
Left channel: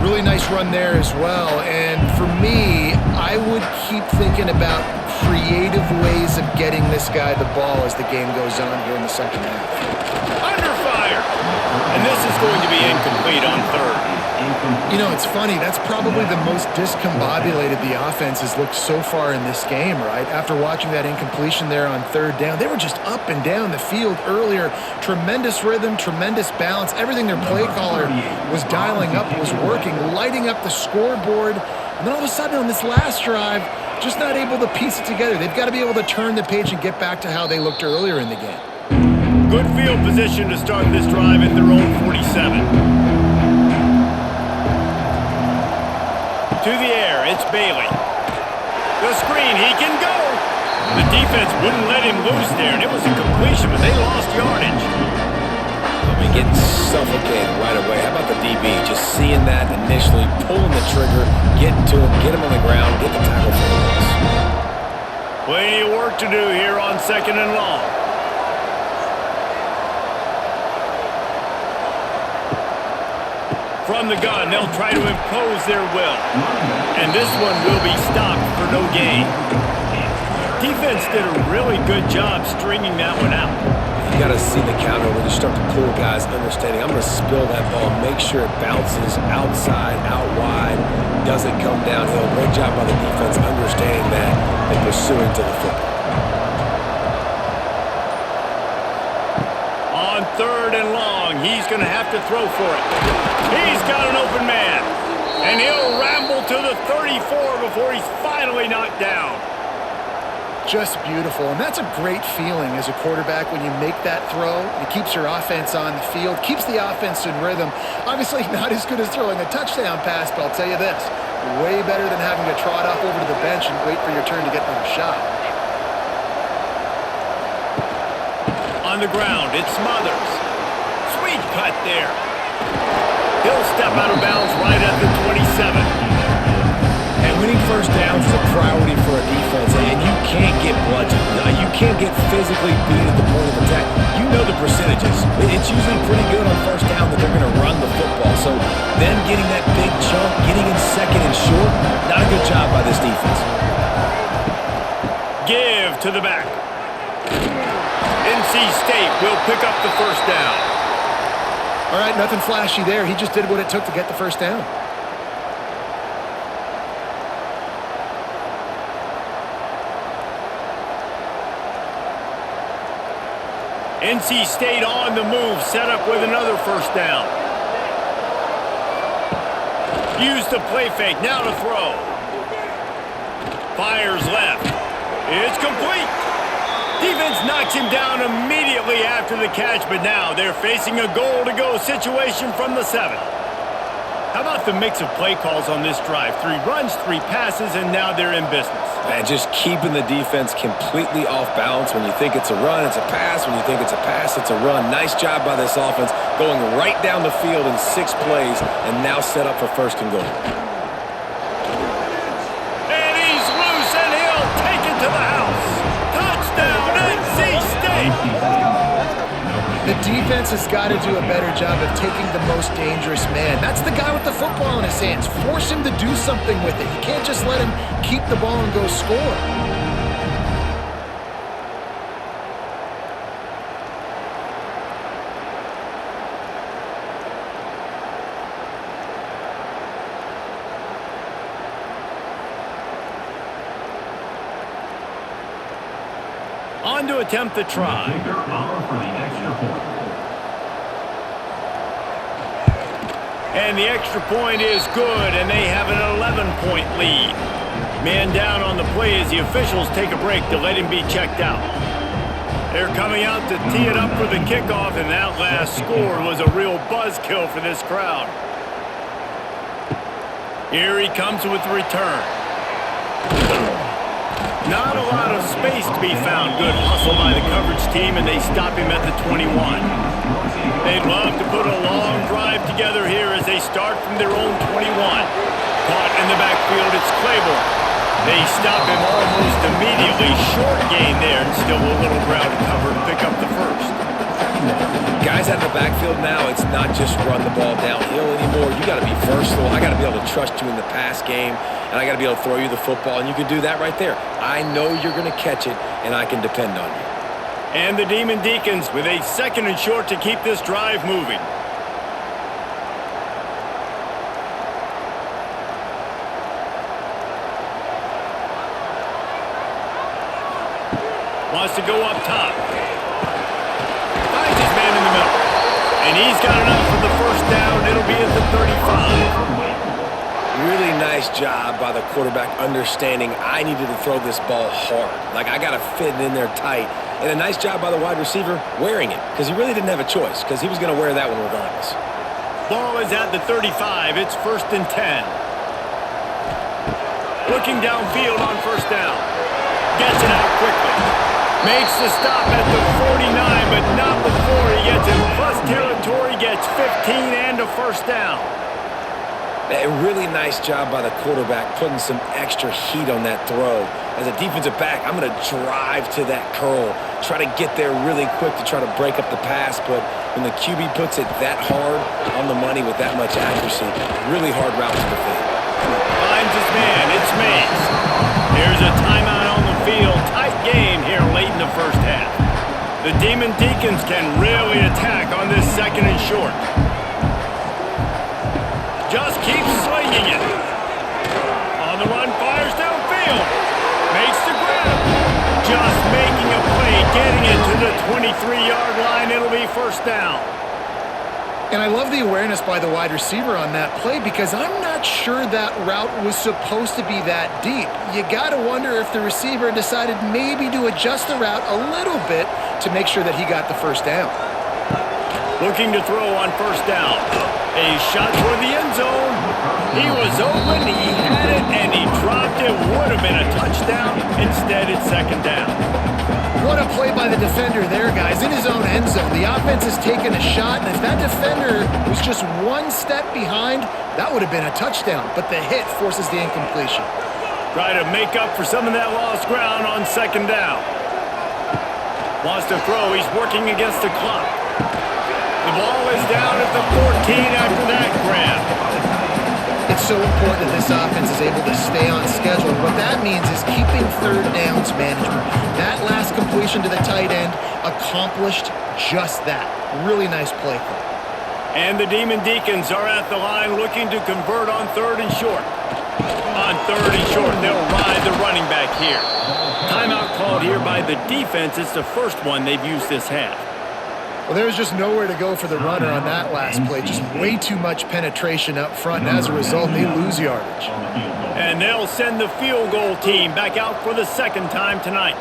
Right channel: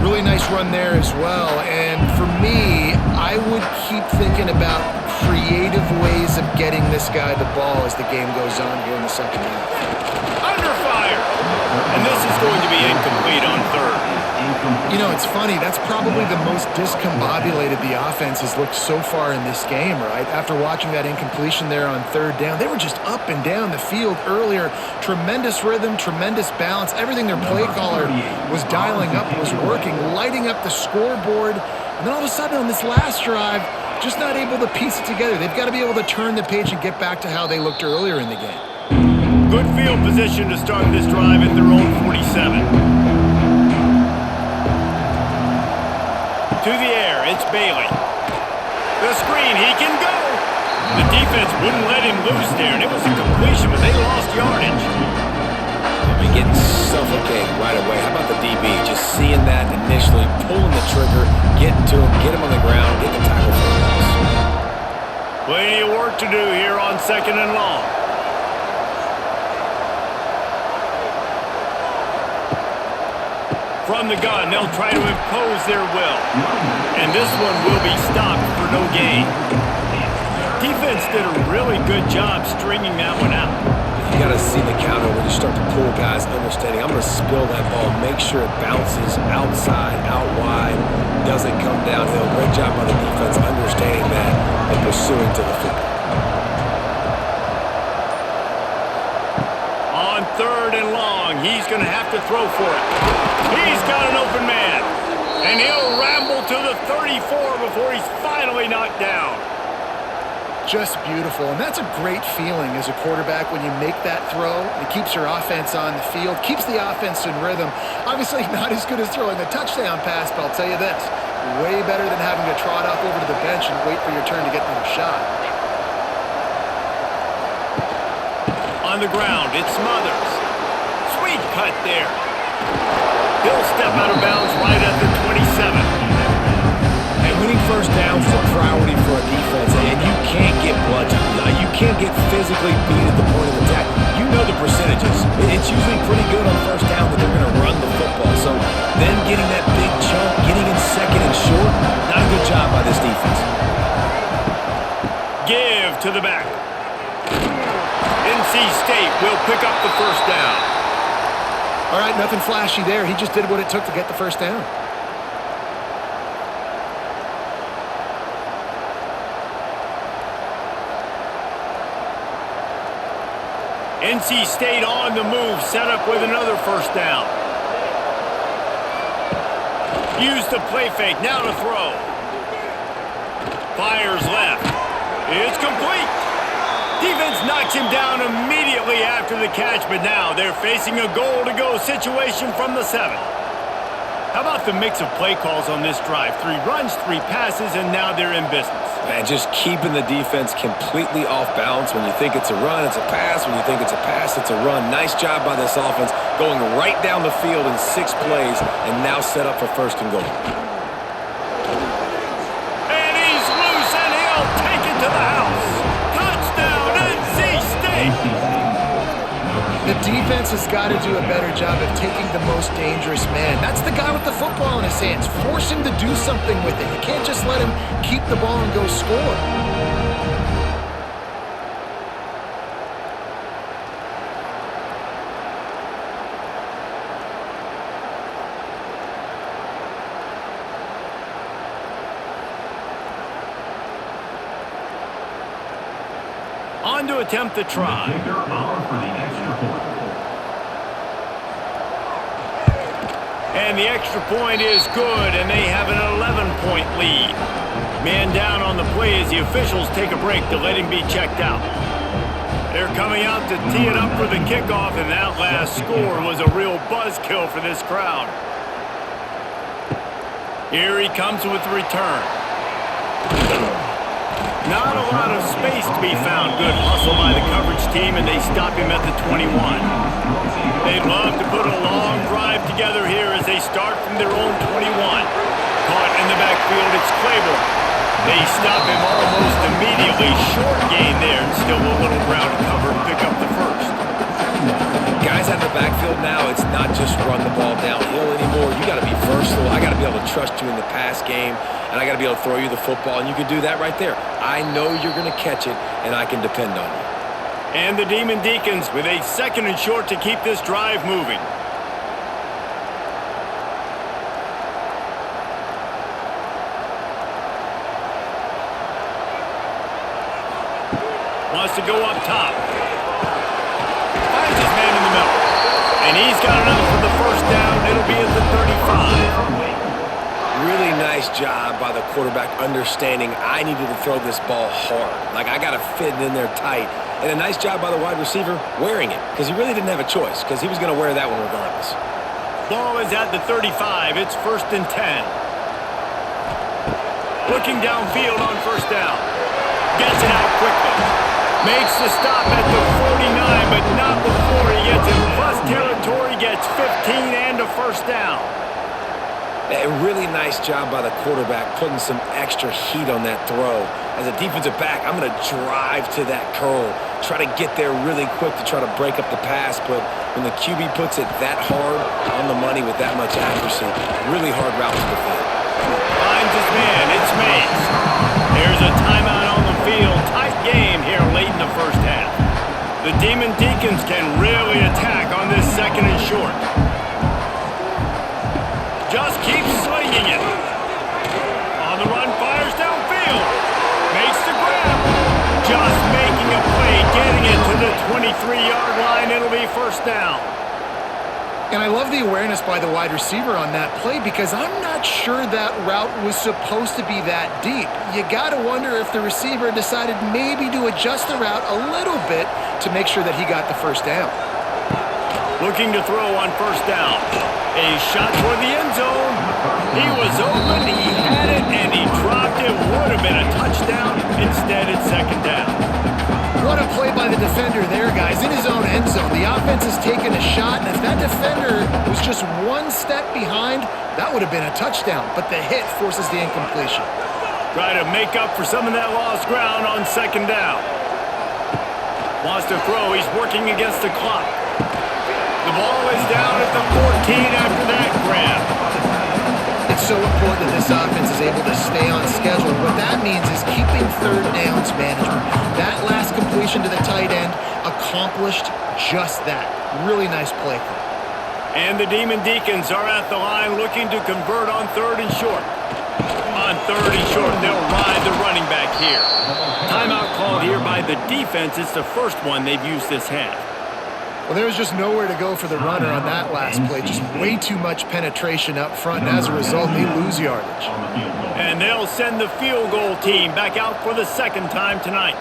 Really nice run there as well. And for me, I would keep thinking about creative ways of getting this guy the ball as the game goes on here in the second half. Under fire. And this is going to be incomplete on third. You know, it's funny. That's probably the most discombobulated the offense has looked so far in this game, right? After watching that incompletion there on third down, they were just up and down the field earlier. Tremendous rhythm, tremendous balance. Everything their play caller was dialing up was working, lighting up the scoreboard. And then all of a sudden on this last drive, just not able to piece it together. They've got to be able to turn the page and get back to how they looked earlier in the game. Good field position to start this drive at their own 47. To the air, it's Bailey. The screen, he can go. The defense wouldn't let him loose there, and it was a completion, but they lost yardage. I mean, getting suffocated right away. How about the DB? Just seeing that initially, pulling the trigger, getting to him, get him on the ground, get the tackle for the loss. Plenty of work to do here on 2nd and long. From the gun, they'll try to impose their will. And this one will be stopped for no gain. Defense did a really good job stringing that one out. You got to see the counter when you start to pull guys, understanding I'm going to spill that ball, make sure it bounces outside, out wide, doesn't come downhill. Great job by the defense understanding that and pursuing to the football. On 3rd and long, he's going to have to throw for it. He's got an open man. And he'll ramble to the 34 before he's finally knocked down. Just beautiful. And that's a great feeling as a quarterback when you make that throw. It keeps your offense on the field, keeps the offense in rhythm. Obviously not as good as throwing a touchdown pass, but I'll tell you this, way better than having to trot off over to the bench and wait for your turn to get another shot. On the ground, it's Smothers. Sweet cut there. He'll step out of bounds right at the 27. And winning first downs is a priority for a defense, and you can't get bludgeoned. You can't get physically beat at the point of attack. You know the percentages. It's usually pretty good on first down that they're going to run the football. So them getting that big chunk, getting in second and short, not a good job by this defense. Give to the back. NC State will pick up the first down. All right, nothing flashy there. He just did what it took to get the first down. NC State on the move, set up with another first down. Use the play fake, now to throw. Fires left. It's complete. Defense knocks him down immediately after the catch, but now they're facing a goal-to-go situation from the 7. How about the mix of play calls on this drive? 3 runs, 3 passes, and now they're in business. And just keeping the defense completely off balance. When you think it's a run, it's a pass. When you think it's a pass, it's a run. Nice job by this offense going right down the field in 6 plays and now set up for 1st and goal. And he's loose, and he'll take it to the house. Touchdown, NC State! The defense has got to do a better job of taking the most dangerous man. That's the guy with the football in his hands. Force him to do something with it. You can't just let him keep the ball and go score. On to attempt the try. And the extra point is good, and they have an 11-point lead. Man down on the play as the officials take a break to let him be checked out. They're coming out to tee it up for the kickoff, and that last score was a real buzzkill for this crowd. Here he comes with the return. Not a lot of space to be found. Good hustle by the coverage team, and they stop him at the 21. They'd love to put a long drive together here as they start from their own 21. Caught in the backfield, it's Claiborne. They stop him almost immediately. Short gain there, and still a little ground to cover to pick up the 1st. Guys out of the backfield now, it's not just run the ball downhill anymore. You got to be versatile. I got to be able to trust you in the pass game, and I got to be able to throw you the football, and you can do that right there. I know you're going to catch it, and I can depend on you. And the Demon Deacons with a 2nd and short to keep this drive moving. Wants to go up top. Finds his man in the middle. And he's got enough for the 1st down. It'll be at the 35. Really nice job by the quarterback understanding I needed to throw this ball hard. Like, I got to fit it in there tight. And a nice job by the wide receiver wearing it, because he really didn't have a choice, because he was going to wear that one regardless. Ball is at the 35. It's 1st and 10. Looking downfield on 1st down. Gets it out quickly. Makes the stop at the 49, but not before he gets in plus territory, gets 15 and a 1st down. A really nice job by the quarterback putting some extra heat on that throw. As a defensive back, I'm going to drive to that curl, try to get there really quick to try to break up the pass, but when the QB puts it that hard on the money with that much accuracy, really hard route to defend. Finds his man, it's Mays. There's a timeout on the field. Tight game here late in the 1st half. The Demon Deacons can really attack on this 2nd and short. Just keeps slinging it. On the run, fires downfield. Makes the grab. Just making a play, getting it to the 23-yard line. It'll be 1st down. And I love the awareness by the wide receiver on that play, because I'm not sure that route was supposed to be that deep. You got to wonder if the receiver decided maybe to adjust the route a little bit to make sure that he got the 1st down. Looking to throw on 1st down. A shot toward the end zone. He was open, he had it, and he dropped it. Would have been a touchdown. Instead, it's 2nd down. What a play by the defender there, guys. In his own end zone, the offense has taken a shot, and if that defender was just 1 step behind, that would have been a touchdown. But the hit forces the incompletion. Try to make up for some of that lost ground on 2nd down. Wants to throw. He's working against the clock. The ball is down at the 14 after that grab. It's so important that this offense is able to stay on schedule. What that means is keeping 3rd downs management. That last completion to the tight end accomplished just that. Really nice play call. And the Demon Deacons are at the line looking to convert on 3rd and short. On 3rd and short, they'll ride the running back here. Timeout called here by the defense. It's the 1st one they've used this half. Well, there was just nowhere to go for the runner on that last play. Just way too much penetration up front, and as a result, they lose yardage. And they'll send the field goal team back out for the 2nd time tonight.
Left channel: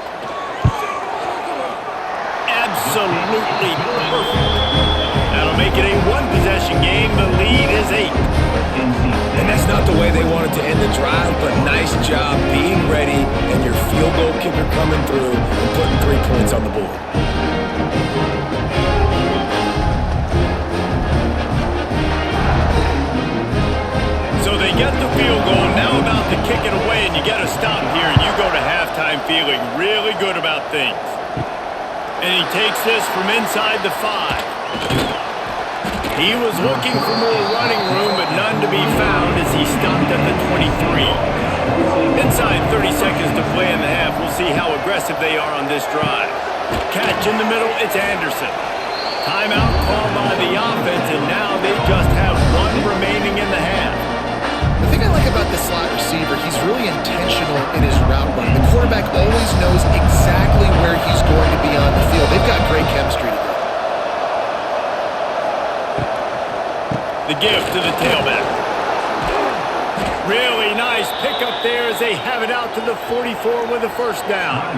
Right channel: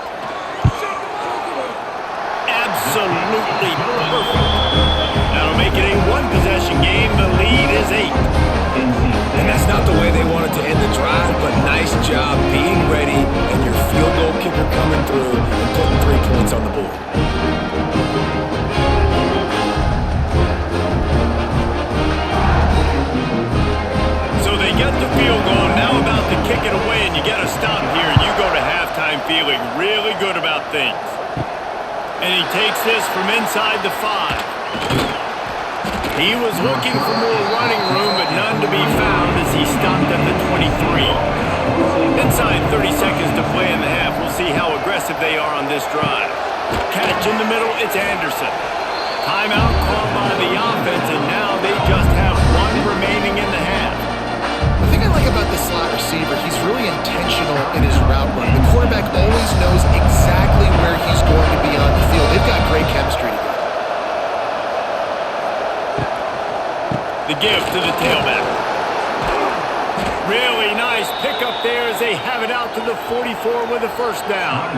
absolutely perfect. That'll make it a one-possession game. The lead is 8. And that's not the way they wanted to end the drive, but nice job being ready and your field goal kicker coming through and putting 3 points on the board. So they get the field goal, now about to kick it away, and you get a stop here, and you go to halftime feeling really good about things. And he takes this from inside the 5. He was looking for more running room, but none to be found as he stopped at the 23. Inside 30 seconds to play in the half. We'll see how aggressive they are on this drive. Catch in the middle, it's Anderson. Timeout called by the offense, and now they just have 1 remaining in the half. The thing I like about this slot receiver, he's really intentional in his route running. The quarterback always knows exactly where he's going to be on the field. They've got great chemistry together. The give to the tailback. Really nice pickup there as they have it out to the 44 with a first down.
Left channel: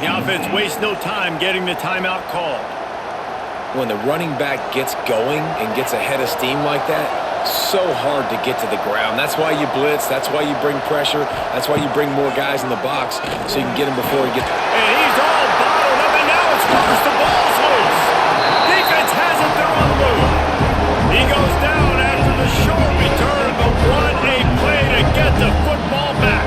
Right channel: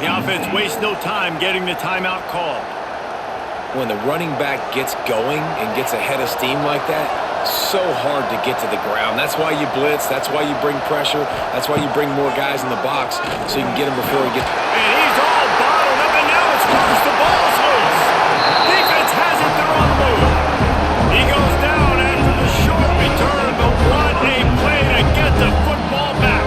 The offense wastes no time getting the timeout called. When the running back gets going and gets ahead of steam like that, so hard to get to the ground. That's why you blitz. That's why you bring pressure. That's why you bring more guys in the box so you can get him before he gets... And he's all bottled up, and now it's first. The ball's loose. Defense has it. They're on the move. He goes down after the short return, but what a play to get the football back.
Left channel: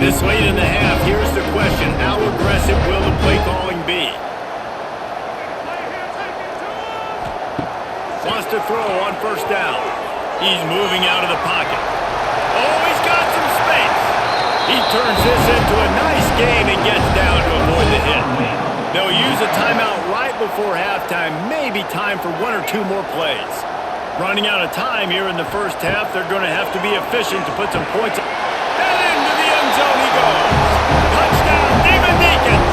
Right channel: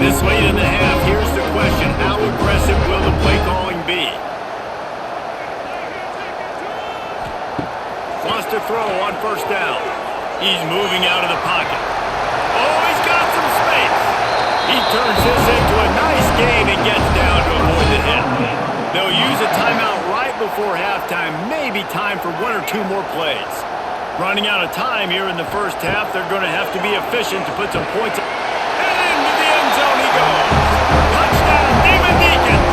This late in the half, here's the question. How aggressive will the play calling be? Wants to throw on first down. He's moving out of the pocket. Oh, he's got some space. He turns this into a nice gain and gets down to avoid the hit. They'll use a timeout right before halftime. Maybe time for 1 or 2 more plays. Running out of time here in the first half. They're going to have to be efficient to put some points. And into the end zone he goes. Touchdown, Demon Deacons.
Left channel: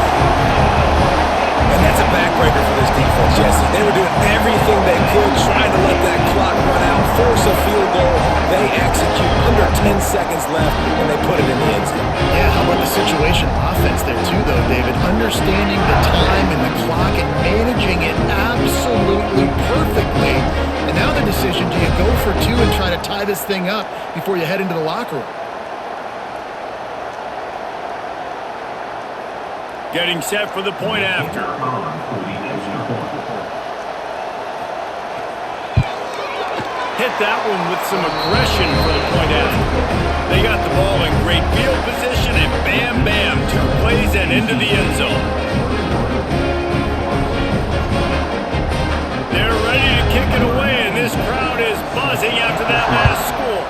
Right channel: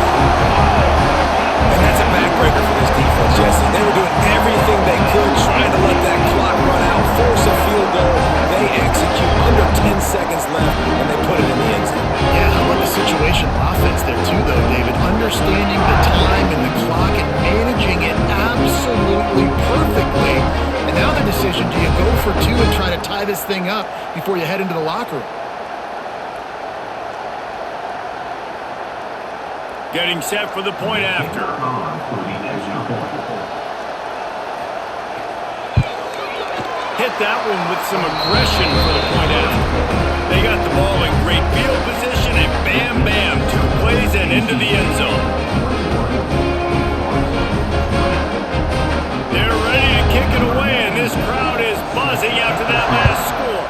And that's a backbreaker for this defense, Jesse. They were doing everything they could, trying to let that clock run out, force a field goal. They execute under 10 seconds left, and they put it in the end zone. Yeah, how about the situational offense there too, though, David? Understanding the time and the clock and managing it absolutely perfectly. And now the decision, do you go for 2 and try to tie this thing up before you head into the locker room? Getting set for the point after. Hit that one with some aggression for the point after. They got the ball in great field position, and bam, bam, 2 plays and into the end zone. They're ready to kick it away, and this crowd is buzzing after that last score.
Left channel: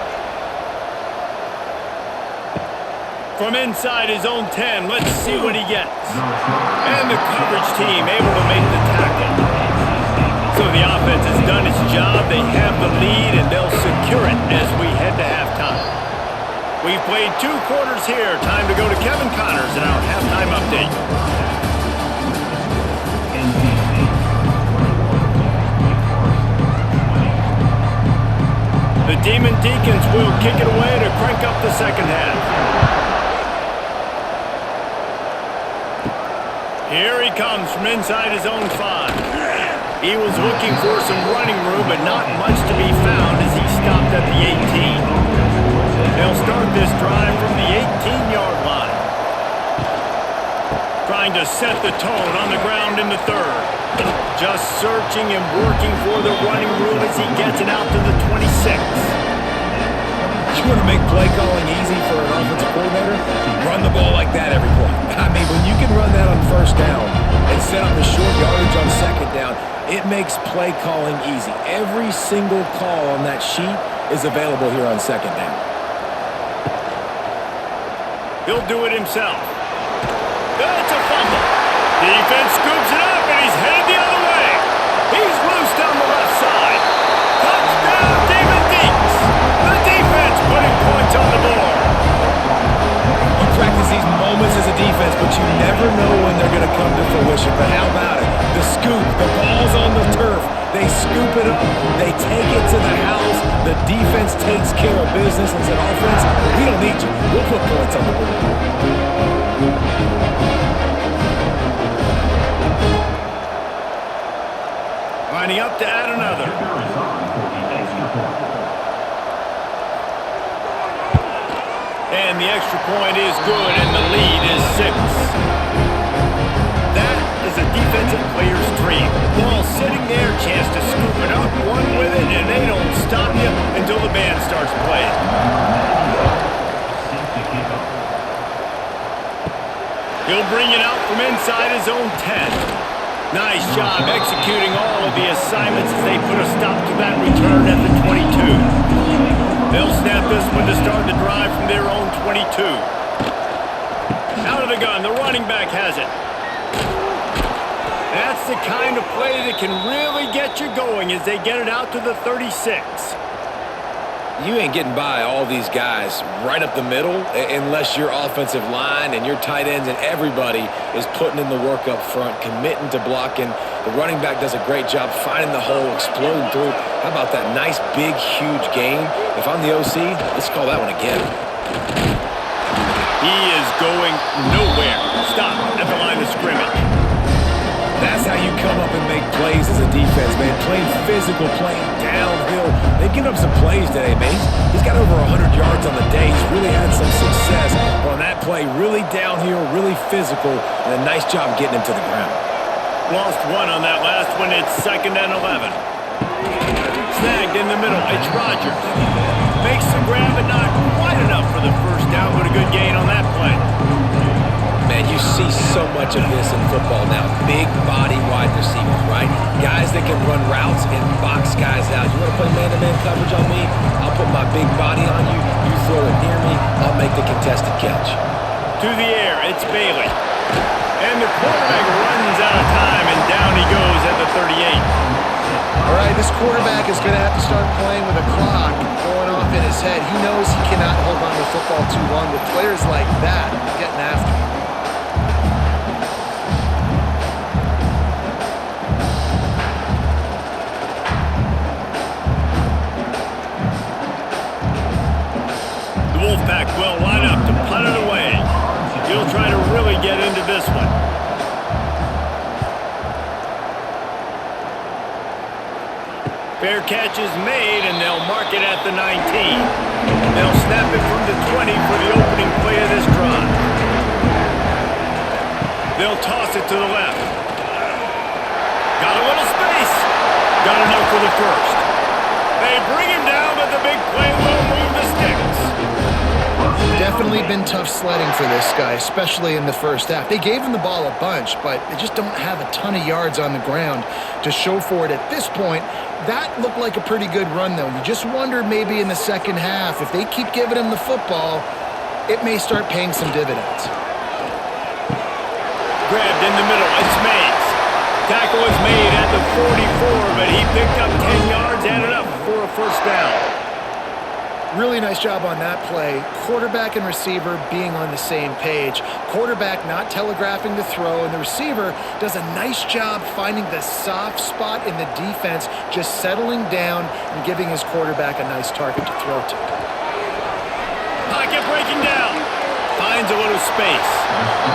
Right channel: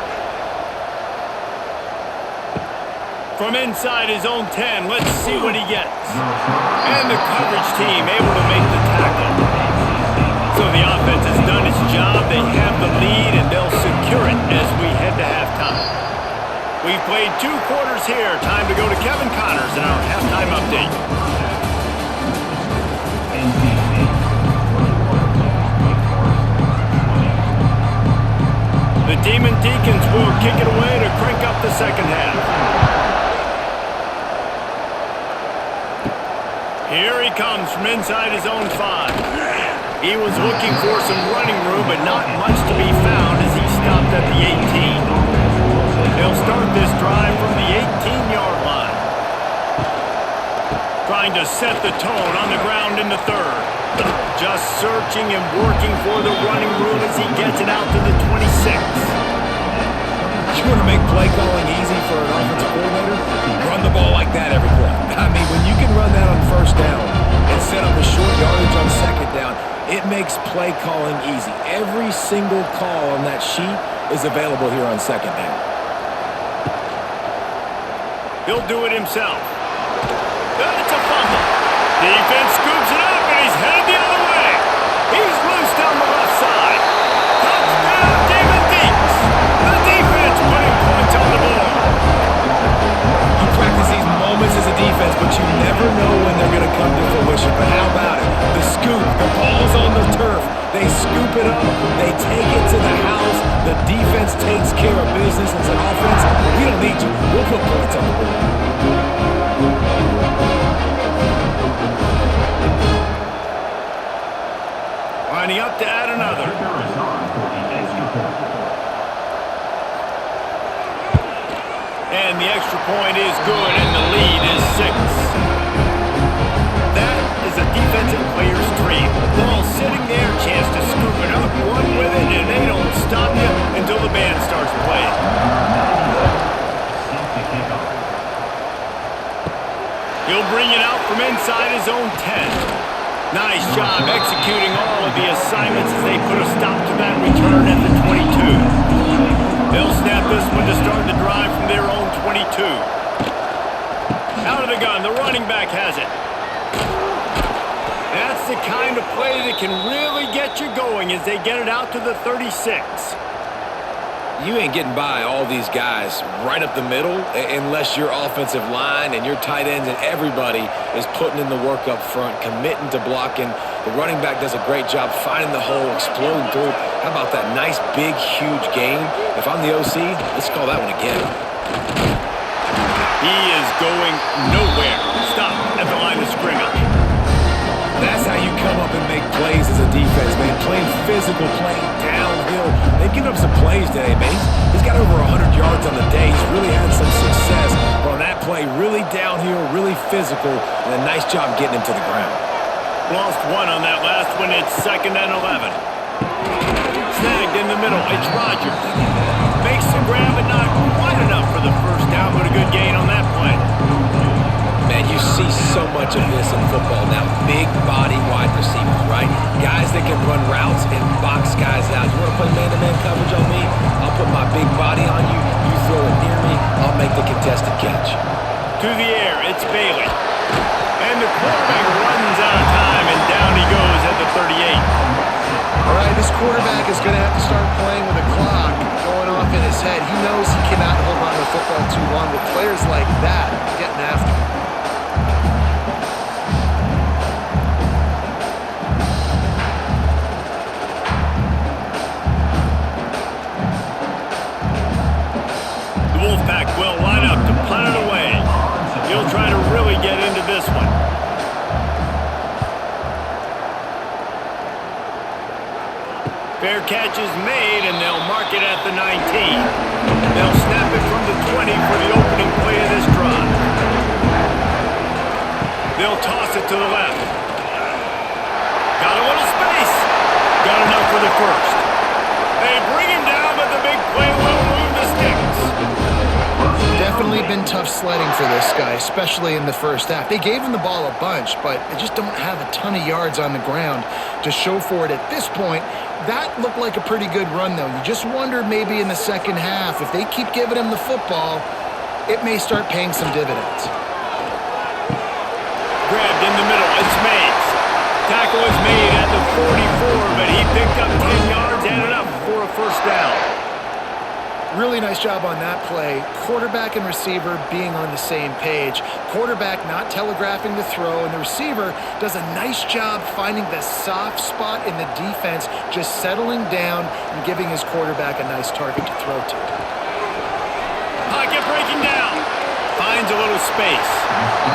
From inside his own 10, let's see what he gets. And the coverage team able to make the tackle. So the offense has done its job. They have the lead, and they'll secure it as we head to halftime. We've played 2 quarters here. Time to go to Kevin Connors in our halftime update. The Demon Deacons will kick it away to crank up the second half. Here he comes from inside his own 5. He was looking for some running room, but not much to be found as he stopped at the 18. They'll start this drive from the 18-yard line. Trying to set the tone on the ground in the 3rd. Just searching and working for the running room as he gets it out to the 26. You want to make play calling easy for an offensive coordinator? Run the ball like that every play. I mean, when you can run that on first down and set up the short yardage on second down, it makes play calling easy. Every single call on that sheet is available here on second down. He'll do it himself. That's a fumble. Defense scoops it up, and he's headed the other way. He's loose down the left side. Touchdown, Demon Deacons. The defense putting points on the board. You practice these moments as a defense, but you never know when they're going to come to fruition. But how about it? The scoop, the ball's on the turf. They scoop it up. They take it to the house. The defense takes care of business and said, offense, we don't need you. We'll put points on the board. Lining up to add another. And the extra point is good, and the lead is 6. That is a defensive player's dream. Ball sitting there, chance to scoop it up, one with it, and they don't stop you until the band starts playing. He'll bring it out from inside his own 10. Nice job executing all of the assignments as they put a stop to that return at the 22. They'll snap this one to start the drive from their own 22. Out of the gun, the running back has it. That's the kind of play that can really get you going as they get it out to the 36. You ain't getting by all these guys right up the middle unless your offensive line and your tight ends and everybody is putting in the work up front, committing to blocking. The running back does a great job finding the hole, exploding through. How about that nice, big, huge gain? If I'm the OC, let's call that one again. He is going nowhere. Stop at the line of scrimmage. That's how you come up and make plays as a defense, man. Playing physical, playing downhill. They've given up some plays today, man. He's got over 100 yards on the day. He's really had some success. But on that play, really downhill, really physical, and a nice job getting him to the ground. Lost one on that last one. It's 2nd and 11. Snagged in the middle. It's Rodgers. Makes the grab, but not quite enough for the first down, but a good gain on that play. Man, you see so much of this in football now. Big body wide receivers, right? Guys that can run routes and box guys out. You want to play man-to-man coverage on me? I'll put my big body on you. You throw it near me, I'll make the contested catch. To the air, it's Bailey. And the quarterback runs out of time, and down he goes at the 38. All right, this quarterback is going to have to start playing with a clock going off in his head. He knows he cannot hold on to the football too long with players like that getting after him. The Wolfpack will line up to punt it away. He'll try to really get into this one. Fair catch is made, and they'll mark it at the 19. They'll snap it from the 20 for the opening play of this drive. They'll toss it to the left. Got a little space. Got enough for the first. They bring him down, but the big play will move the sticks. Definitely been tough sledding for this guy, especially in the first half. They gave him the ball a bunch, but they just don't have a ton of yards on the ground to show for it at this point. That looked like a pretty good run, though. You just wonder maybe in the second half, if they keep giving him the football, it may start paying some dividends. Grabbed in the middle, it's Mays. Tackle is made at the 44, but he picked up 10 yards and enough for a first down. Really nice job on that play. Quarterback and receiver being on the same page. Quarterback not telegraphing the throw, and the receiver does a nice job finding the soft spot in the defense, just settling down and giving his quarterback a nice target to throw to. Pocket breaking down. Finds a little space.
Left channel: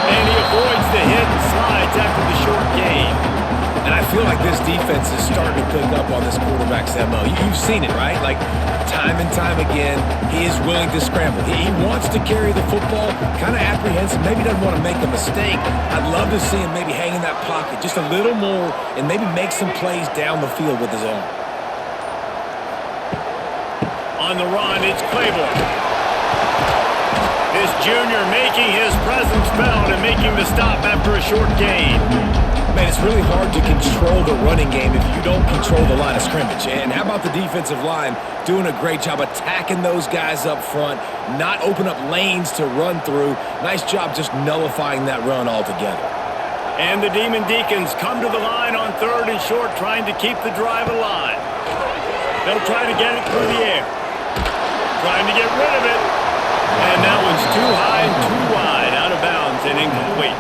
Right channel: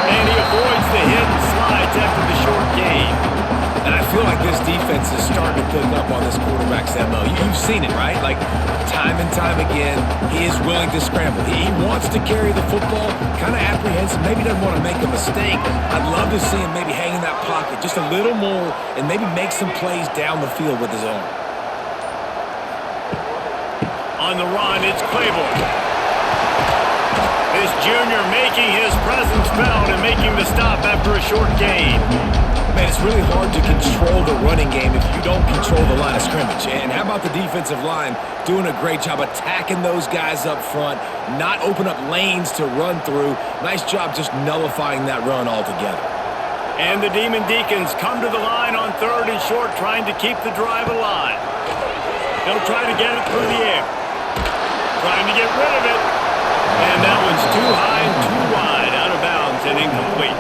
And he avoids the hit and slides after the short gain. And I feel like this defense is starting to pick up on this quarterback's MO. You've seen it, right? Like, time and time again, he is willing to scramble. He wants to carry the football, kind of apprehensive, maybe doesn't want to make a mistake. I'd love to see him maybe hang in that pocket just a little more and maybe make some plays down the field with his arm. On the run, it's Claiborne. This junior making his presence felt and making the stop after a short gain. Man, it's really hard to control the running game if you don't control the line of scrimmage. And how about the defensive line doing a great job attacking those guys up front, not open up lanes to run through. Nice job just nullifying that run altogether. And the Demon Deacons come to the line on 3rd and short, trying to keep the drive alive. They'll try to get it through the air. Trying to get rid of it. And that one's too high and too wide, out of bounds and incomplete.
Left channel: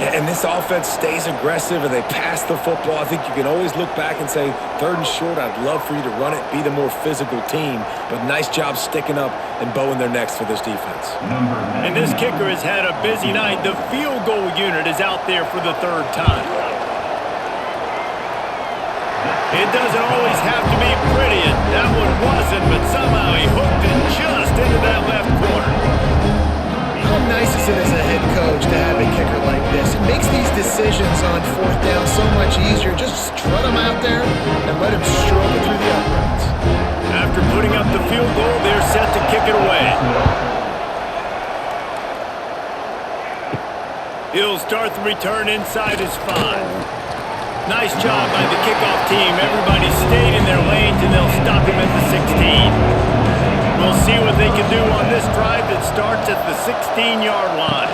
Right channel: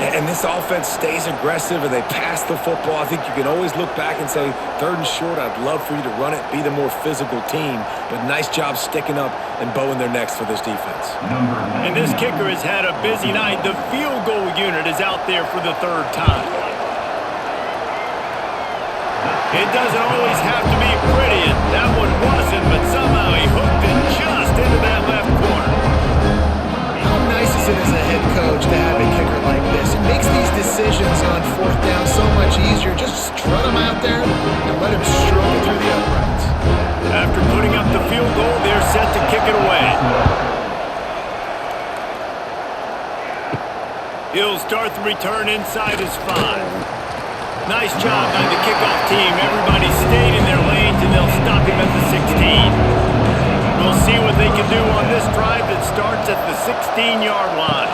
And this offense stays aggressive and they pass the football. I think you can always look back and say, 3rd and short, I'd love for you to run it, be the more physical team. But nice job sticking up and bowing their necks for this defense. And this kicker has had a busy night. The field goal unit is out there for the 3rd time. It doesn't always have to be pretty, and that one wasn't, but somehow he hooked it just into that left corner. How nice is it as a head coach to have a kicker like this? It makes these decisions on 4th down so much easier. Just strut him out there and let him stroke it through the uprights. After putting up the field goal, they're set to kick it away. He'll start the return inside his 5. Nice job by the kickoff team. Everybody stayed in their lanes, and they'll stop him at the 16. We'll see what they can do on this drive that starts at the 16-yard line.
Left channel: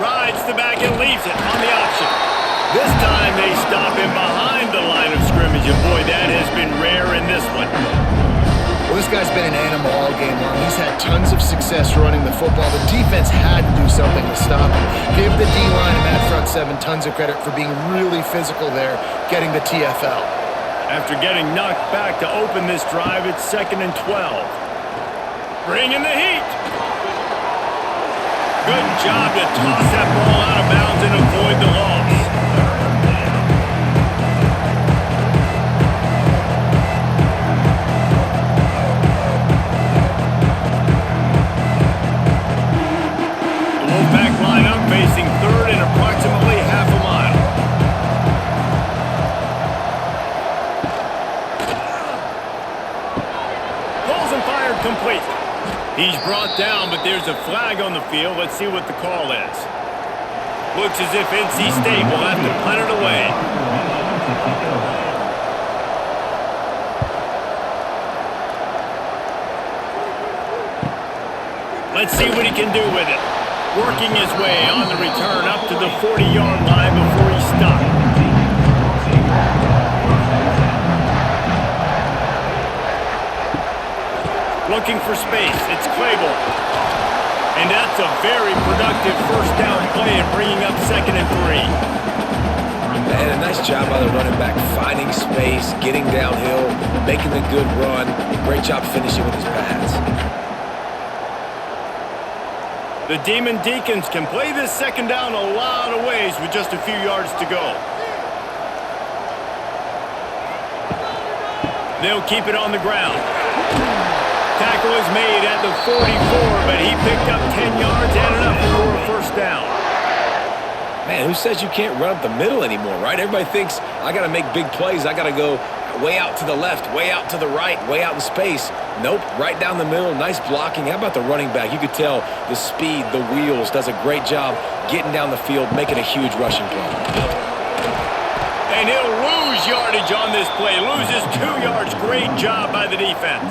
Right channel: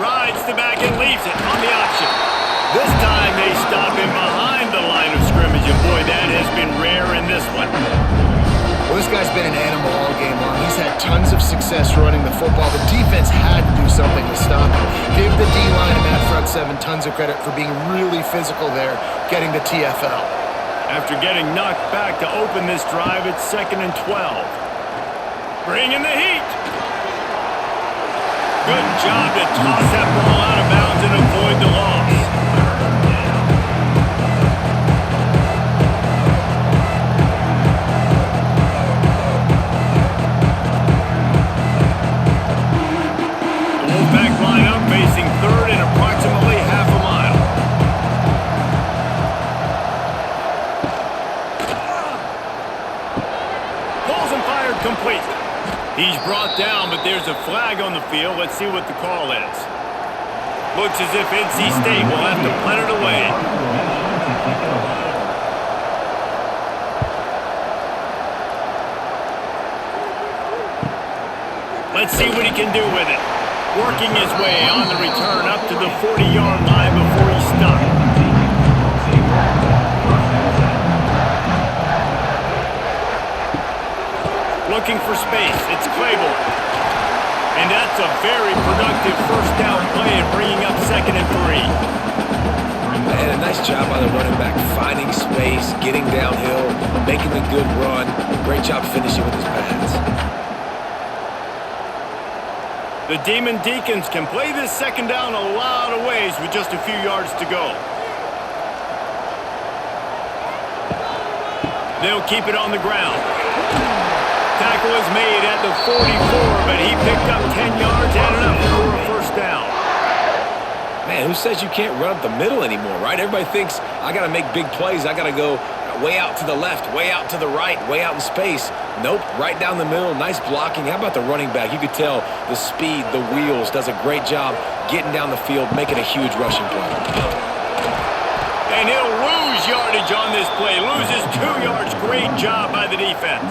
Rides the back and leaves it on the option. This time they stop him behind the line of scrimmage, and boy, that has been rare in this one. Well, this guy's been an animal all game long. He's had tons of success running the football. The defense had to do something to stop him. Give the D-line and that front 7 tons of credit for being really physical there, getting the TFL. After getting knocked back to open this drive, it's 2nd and 12. Bring in the heat. Good job to toss that ball out of bounds and avoid the loss. The Wolfpack line up facing 3rd and approximately half a mile. Pulls and fired complete. He's brought down, but there's a flag on the field. Let's see what the call is. Looks as if NC State will have to punt it away. Let's see what he can do with it. Working his way on the return up to the 40-yard line before he stopped. Looking for space, it's Claiborne. And that's a very productive 1st down play and bringing up 2nd and 3. And a nice job by the running back, finding space, getting downhill, making a good run. Great job finishing with his pads. The Demon Deacons can play this 2nd down a lot of ways with just a few yards to go. They'll keep it on the ground. Tackle is made at the 44, but he picked up 10 yards and enough for a 1st down. Man, who says you can't run up the middle anymore, right? Everybody thinks, I got to make big plays. I got to go way out to the left, way out to the right, way out in space. Nope, right down the middle, nice blocking. How about the running back? You could tell the speed, the wheels, does a great job getting down the field, making a huge rushing play. And he'll lose yardage on this play. Loses 2 yards. Great job by the defense.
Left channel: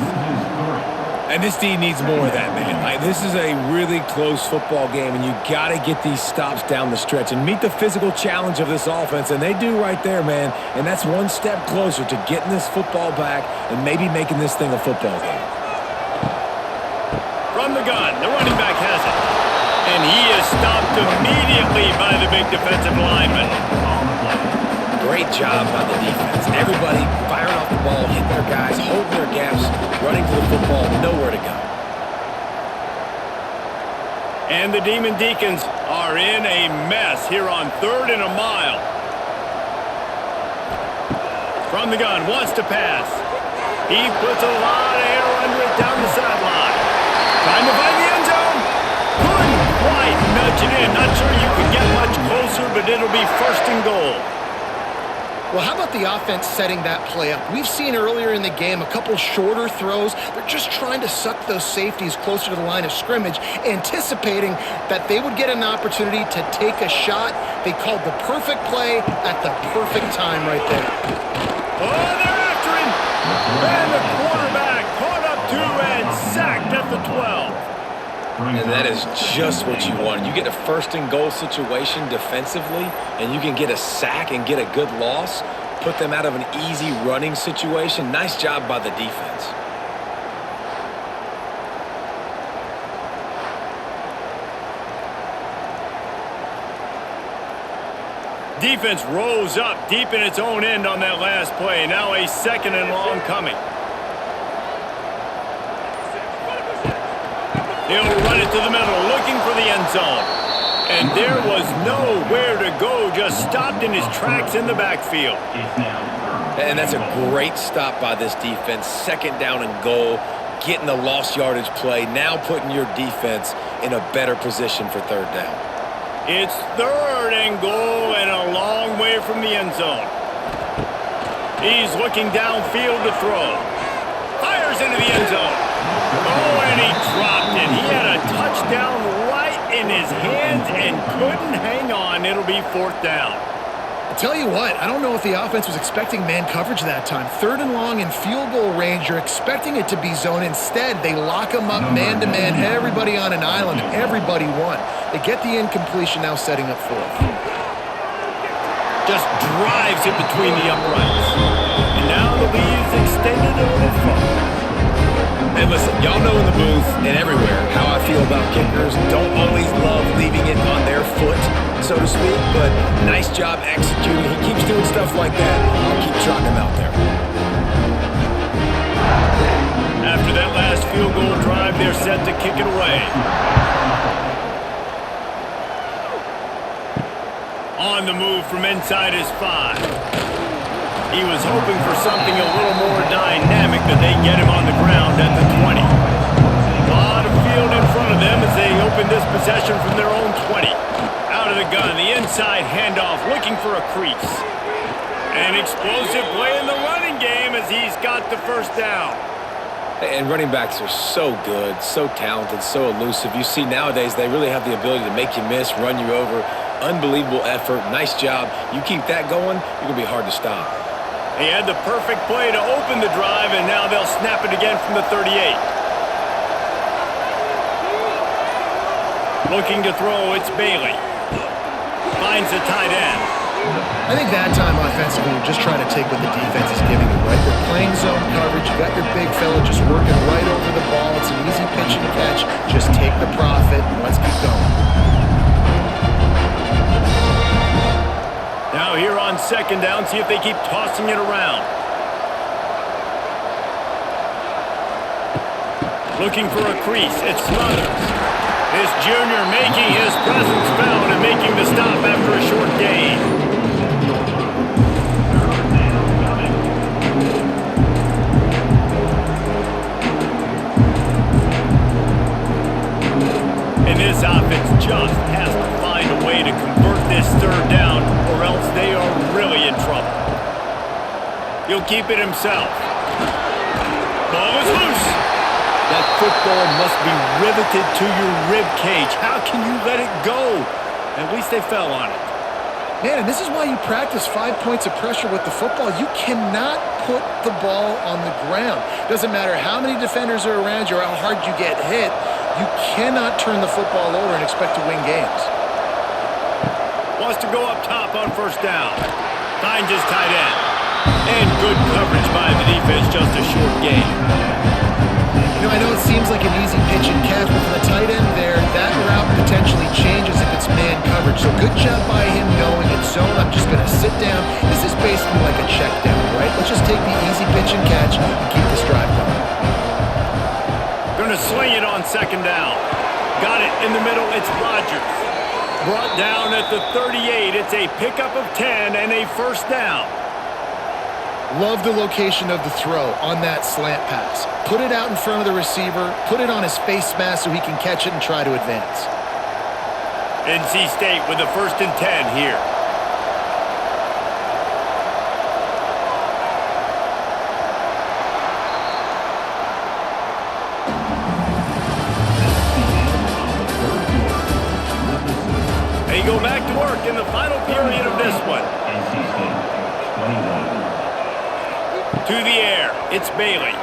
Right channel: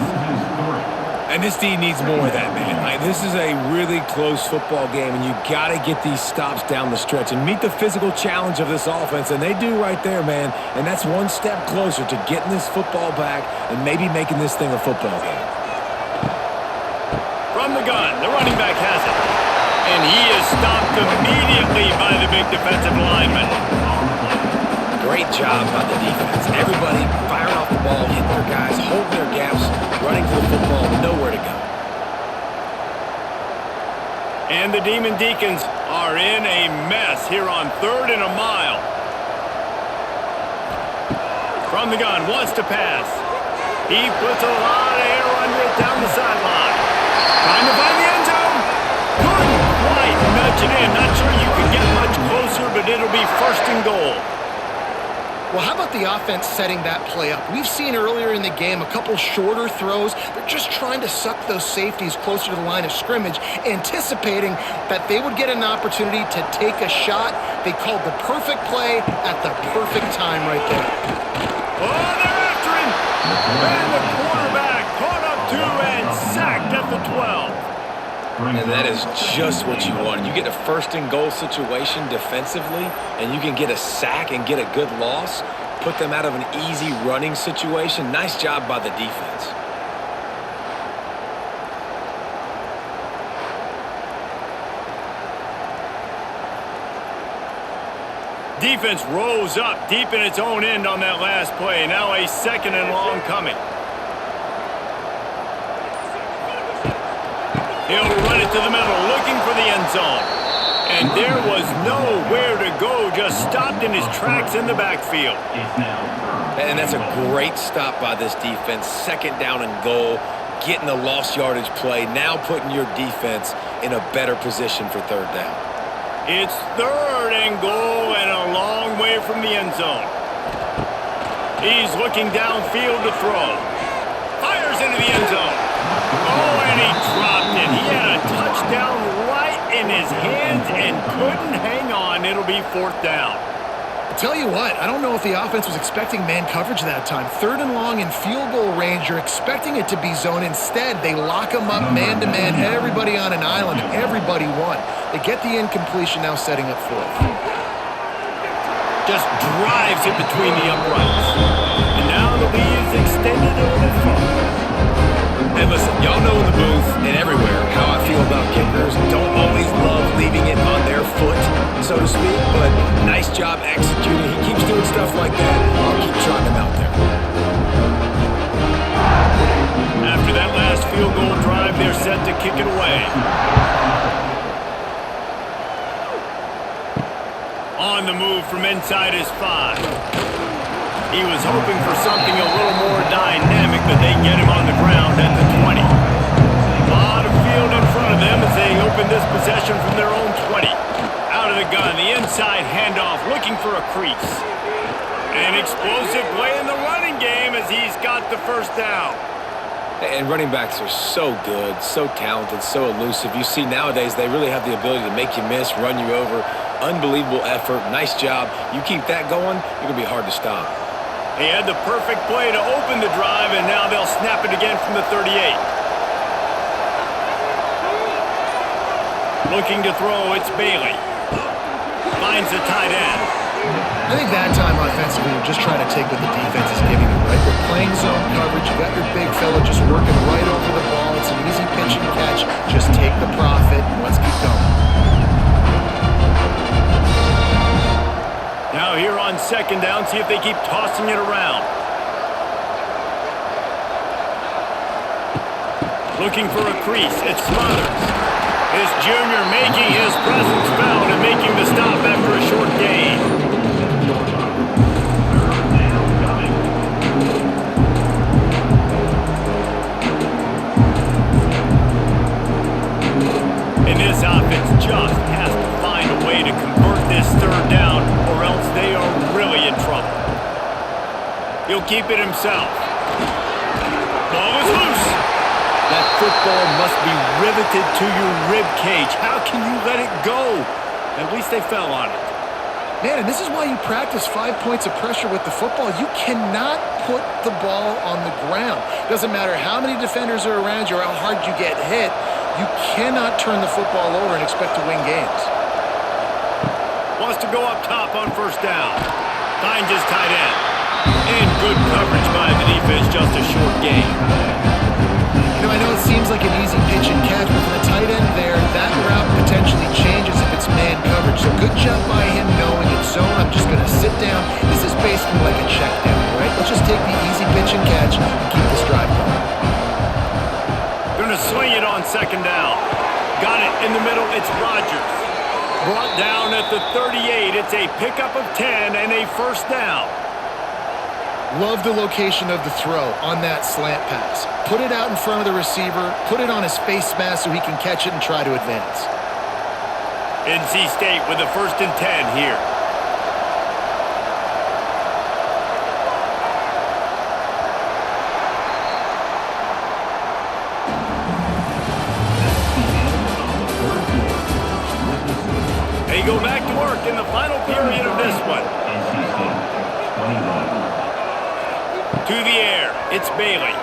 And this D needs more of that, man. This is a really close football game, and you got to get these stops down the stretch and meet the physical challenge of this offense, and they do right there, man. And that's one step closer to getting this football back and maybe making this thing a football game. From the gun, the running back has it. And he is stopped immediately by the big defensive lineman. Great job by the defense. Everybody firing off the ball, hitting their guys, holding their gaps, running to the football, nowhere to go. And the Demon Deacons are in a mess here on 3rd and a mile. From the gun, wants to pass. He puts a lot of air under it down the sideline. Trying to find the end zone. Couldn't quite nudge it in. Not sure you can get much closer, but it'll be 1st and goal. Well, how about the offense setting that play up? We've seen earlier in the game a couple shorter throws. They're just trying to suck those safeties closer to the line of scrimmage, anticipating that they would get an opportunity to take a shot. They called the perfect play at the perfect time right there. Oh, they're after him. And the quarterback caught up to and sacked at the 12. And that is just what you want. You get a 1st and goal situation defensively, and you can get a sack and get a good loss, put them out of an easy running situation. Nice job by the defense. Defense rose up deep in its own end on that last play. Now a 2nd and long coming. He'll run it to the middle, looking for the end zone. And there was nowhere to go, just stopped in his tracks in the backfield. And that's a great stop by this defense. 2nd down and goal, getting the lost yardage play, now putting your defense in a better position for 3rd down. It's 3rd and goal and a long way from the end zone. He's looking downfield to throw. Fires into the end zone. Oh, and he dropped it. He had a touchdown right in his hands and couldn't hang on. It'll be 4th down. I'll tell you what, I don't know if the offense was expecting man coverage that time. 3rd and long in field goal range, you're expecting it to be zone. Instead, they lock them up man-to-man, everybody on an island, and everybody won. They get the incompletion, now setting up 4th. Just drives it between the uprights. And now the lead is extended a little further. And listen, y'all know in the booth and everywhere how I feel about kickers. Don't always love leaving it on their foot, so to speak, but nice job executing. He keeps doing stuff like that. I'll keep trotting him out there. After that last field goal drive, they're set to kick it away. On the move from inside his 5. He was hoping for something a little more dynamic, but they get him on the ground at the 20. A lot of field in front of them as they open this possession from their own 20. Out of the gun, the inside handoff, looking for a crease. An explosive play in the running game as he's got the 1st down. And running backs are so good, so talented, so elusive. You see nowadays they really have the ability to make you miss, run you over. Unbelievable effort. Nice job. You keep that going, you're going to be hard to stop. He had the perfect play to open the drive, and now they'll snap it again from the 38. Looking to throw, it's Bailey. Finds the tight end. I think that time offensively, you're just trying to take what the defense is giving you, right? They're playing zone coverage. You got your big fella just working right over the ball. It's an easy pitch and catch. Just take the profit and let's keep going. Now here on 2nd down, see if they keep tossing it around. Looking for a crease, it's Smothers. This junior making his presence felt and making the stop after a short gain. And this offense just has to find a way to convert this 3rd down, or else they are really in trouble. He'll keep it himself. Ball is loose. That football must be riveted to your rib cage. How can you let it go? At least they fell on it. Man, and this is why you practice 5 points of pressure with the football. You cannot put the ball on the ground. Doesn't matter how many defenders are around you or how hard you get hit. You cannot turn the football over and expect to win games. Wants to go up top on 1st down. Finds his tight end. And good coverage by the defense, just a short gain. You know, I know it seems like an easy pitch and catch, but for the tight end there, that route potentially changes if it's man coverage. So good job by him knowing it's zone. I'm just going to sit down. This is basically like a check down, right? Let's just take the easy pitch and catch and keep this drive going. Going to sling it on 2nd down. Got it in the middle. It's Rodgers. Brought down at the 38. It's a pickup of 10 and a 1st down. Love the location of the throw on that slant pass. Put it out in front of the receiver. Put it on his face mask so he can catch it and try to advance. NC State with a 1st and 10 here. They go back to work in the final period of this one. To the air, it's Bailey.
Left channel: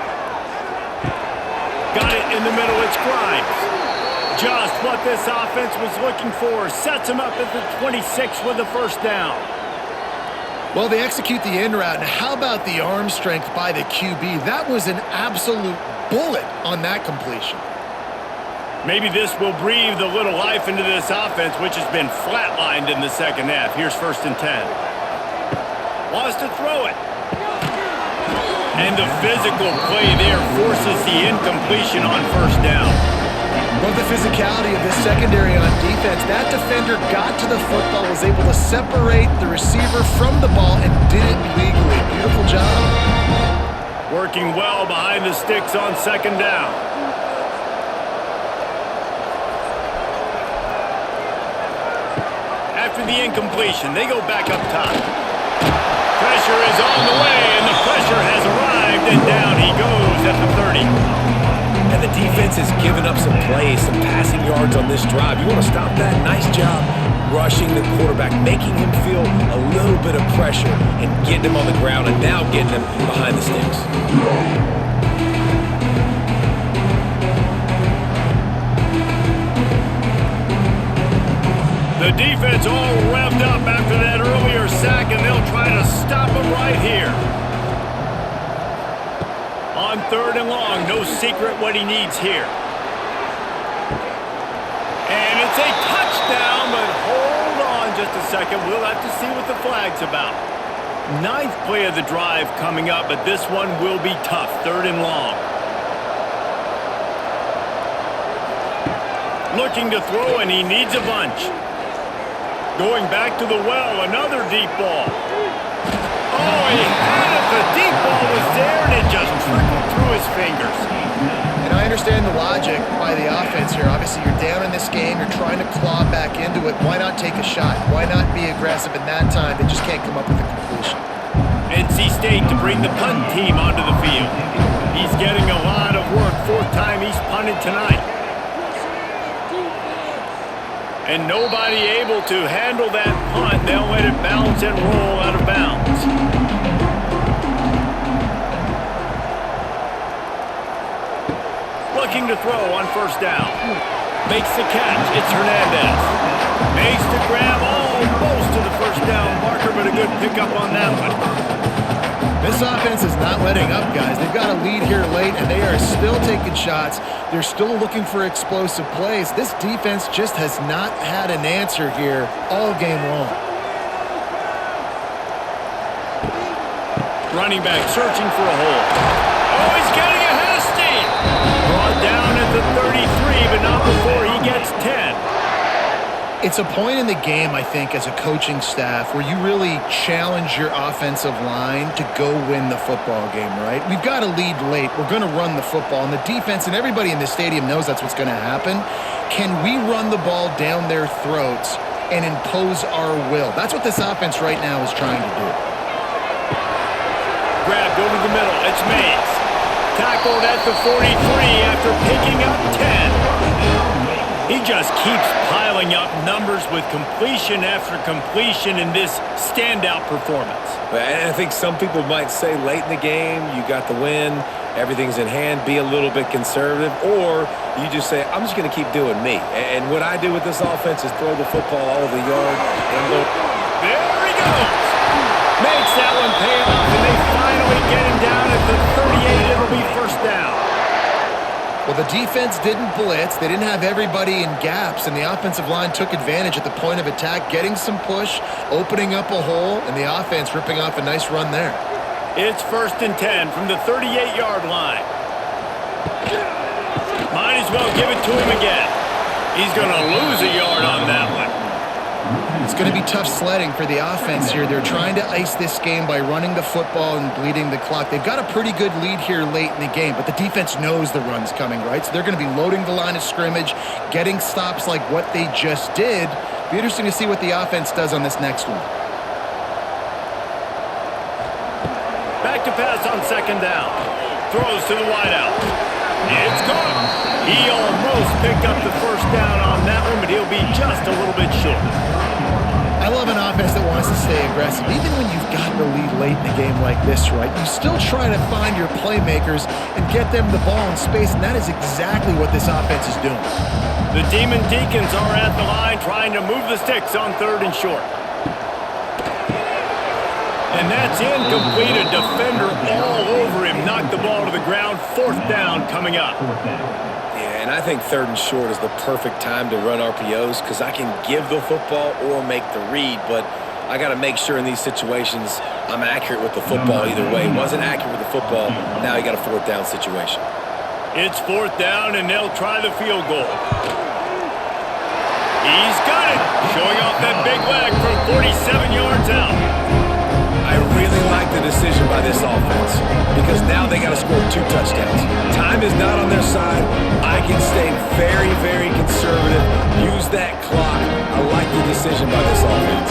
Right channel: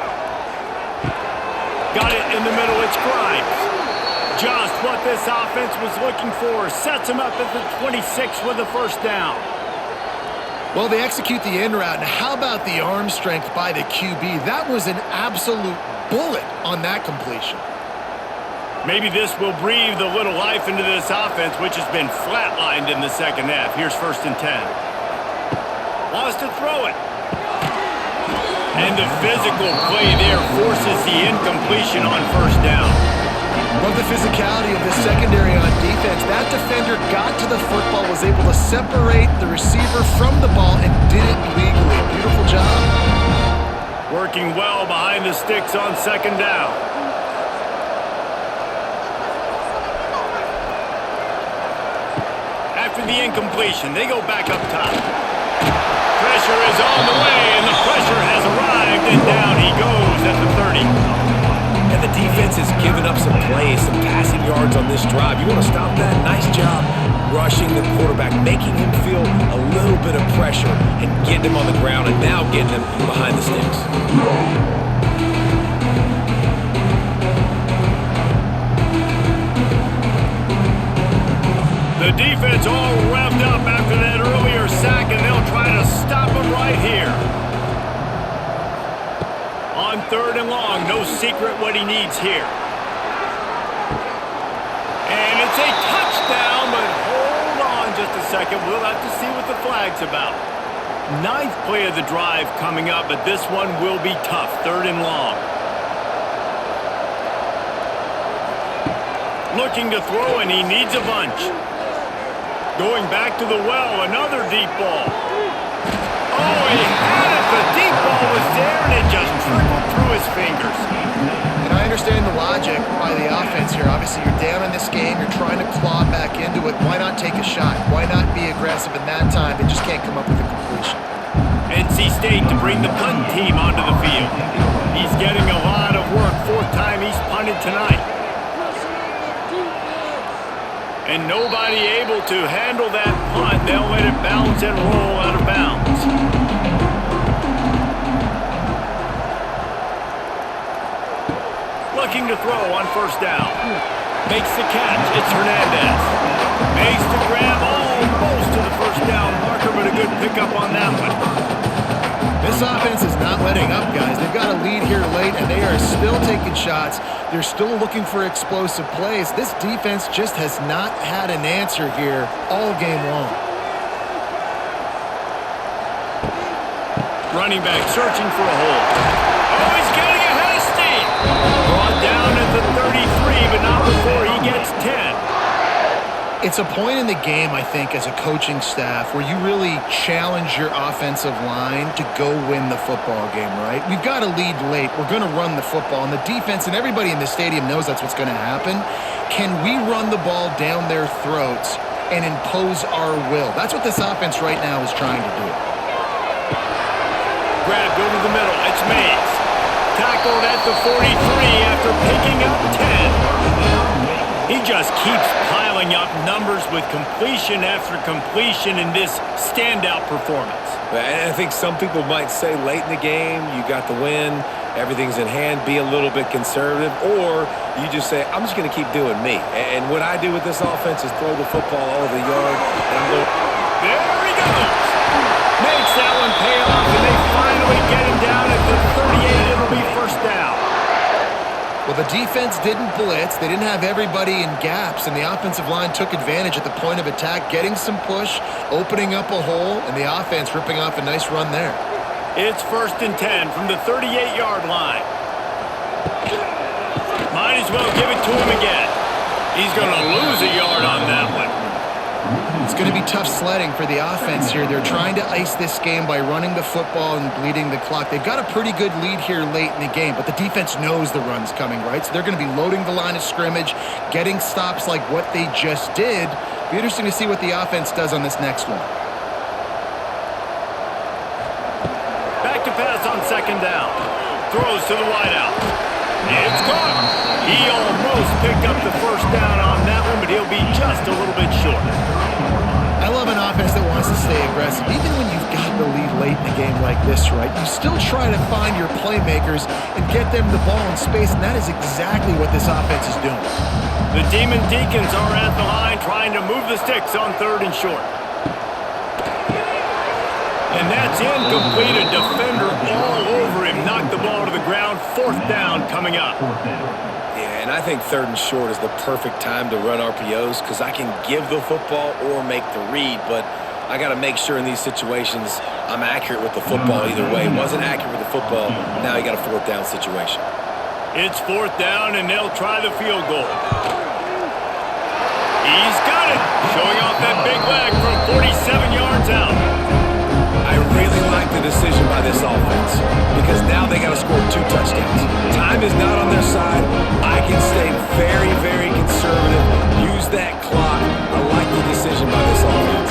Got it in the middle, it's Grimes. Just what this offense was looking for. Sets him up at the 26 with a 1st down. Well, they execute the in route. Now, how about the arm strength by the QB? That was an absolute bullet on that completion. Maybe this will breathe a little life into this offense, which has been flatlined in the second half. Here's 1st and 10. Wants to throw it. And the physical play there forces the incompletion on 1st down. Love the physicality of this secondary on defense. That defender got to the football, was able to separate the receiver from the ball, and did it legally. Beautiful job. Working well behind the sticks on 2nd down. After the incompletion, they go back up top. Pressure is on the way, and the pressure has arrived, and down he goes at the 30. And the defense has given up some plays, some passing yards on this drive. You want to stop that? Nice job rushing the quarterback, making him feel a little bit of pressure and getting him on the ground, and now getting him behind the sticks. The defense all revved up after that earlier sack, and they'll try to stop him right here. On 3rd and long, no secret what he needs here. And it's a touchdown, but hold on just a second. We'll have to see what the flag's about. 9th play of the drive coming up, but this one will be tough. 3rd and long. Looking to throw, and he needs a bunch. Going back to the well, another deep ball. Oh, he had it. The deep ball was there, and it just trickled through his fingers. And I understand the logic by the offense here. Obviously, you're down in this game. You're trying to claw back into it. Why not take a shot? Why not be aggressive in that time? They just can't come up with a completion. NC State to bring the punt team onto the field. He's getting a lot of work. 4th time he's punted tonight. And nobody able to handle that punt. They'll let it bounce and roll out of bounds. Looking to throw on 1st down. Makes the catch. It's Hernandez. Makes the grab almost to the 1st down marker, but a good pickup on that one. This offense is not letting up, guys. They've got a lead here late, and they are still taking shots. They're still looking for explosive plays. This defense just has not had an answer here all game long. Running back searching for a hole. Oh, he's getting ahead of steam. Brought down at the 33, but not before he gets 10. It's a point in the game, I think, as a coaching staff where you really challenge your offensive line to go win the football game, right? We've got a lead late. We're going to run the football, and the defense and everybody in the stadium knows that's what's going to happen. Can we run the ball down their throats and impose our will? That's what this offense right now is trying to do. Grabbed over the middle. It's Mays. Tackled at the 43 after picking up 10. He just keeps piling up numbers with completion after completion in this standout performance. And I think some people might say late in the game, you got the win, everything's in hand, be a little bit conservative, or you just say, I'm just going to keep doing me. And what I do with this offense is throw the football all over the yard. And I'm going. There he goes. Makes that one pay off, and they finally get him down at the 38. It'll be 1st down. Well, the defense didn't blitz. They didn't have everybody in gaps, and the offensive line took advantage at the point of attack, getting some push, opening up a hole, and the offense ripping off a nice run there. It's 1st and 10 from the 38-yard line. Might as well give it to him again. He's going to lose a yard on that one. It's going to be tough sledding for the offense here. They're trying to ice this game by running the football and bleeding the clock. They've got a pretty good lead here late in the game, but the defense knows the run's coming, right? So they're going to be loading the line of scrimmage, getting stops like what they just did. Be interesting to see what the offense does on this next one. Back to pass on 2nd down. Throws to the wideout. It's caught. He almost picked up the 1st down on that one, but he'll be just a little bit short. I love an offense that wants to stay aggressive. Even when you've got the lead late in the game like this, right, you still try to find your playmakers and get them the ball in space, and that is exactly what this offense is doing. The Deacons are at the line trying to move the sticks on 3rd and short. And that's incomplete. A defender all over him. Knocked the ball to the ground. 4th down coming up. Yeah, and I think 3rd and short is the perfect time to run RPOs because I can give the football or make the read, but I got to make sure in these situations I'm accurate with the football either way. Wasn't accurate with the football, now you got a 4th down situation. It's 4th down, and they'll try the field goal. He's got it, showing off that big leg from 47 yards out. I really like the decision by this offense because now they got to score 2 touchdowns. Time is not on their side. I can stay very, very conservative, use that clock. I like the decision by this offense.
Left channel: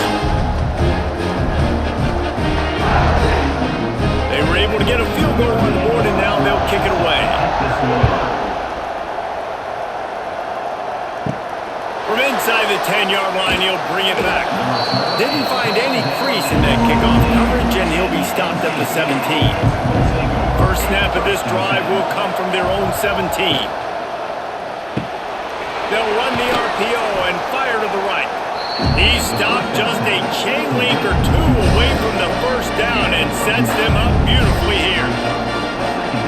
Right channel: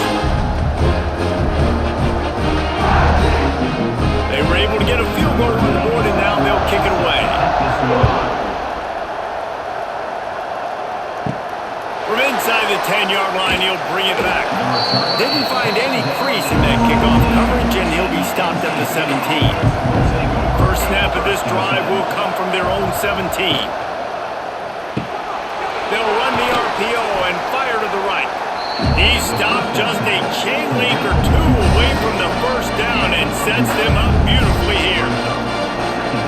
They were able to get a field goal on the board, and now they'll kick it away. From inside the 10-yard line, he'll bring it back. Didn't find any crease in that kickoff coverage, and he'll be stopped at the 17. First snap of this drive will come from their own 17. They'll run the RPO and fire to the right. He stopped just a chain link or 2 away from the first down and sets them up beautifully here.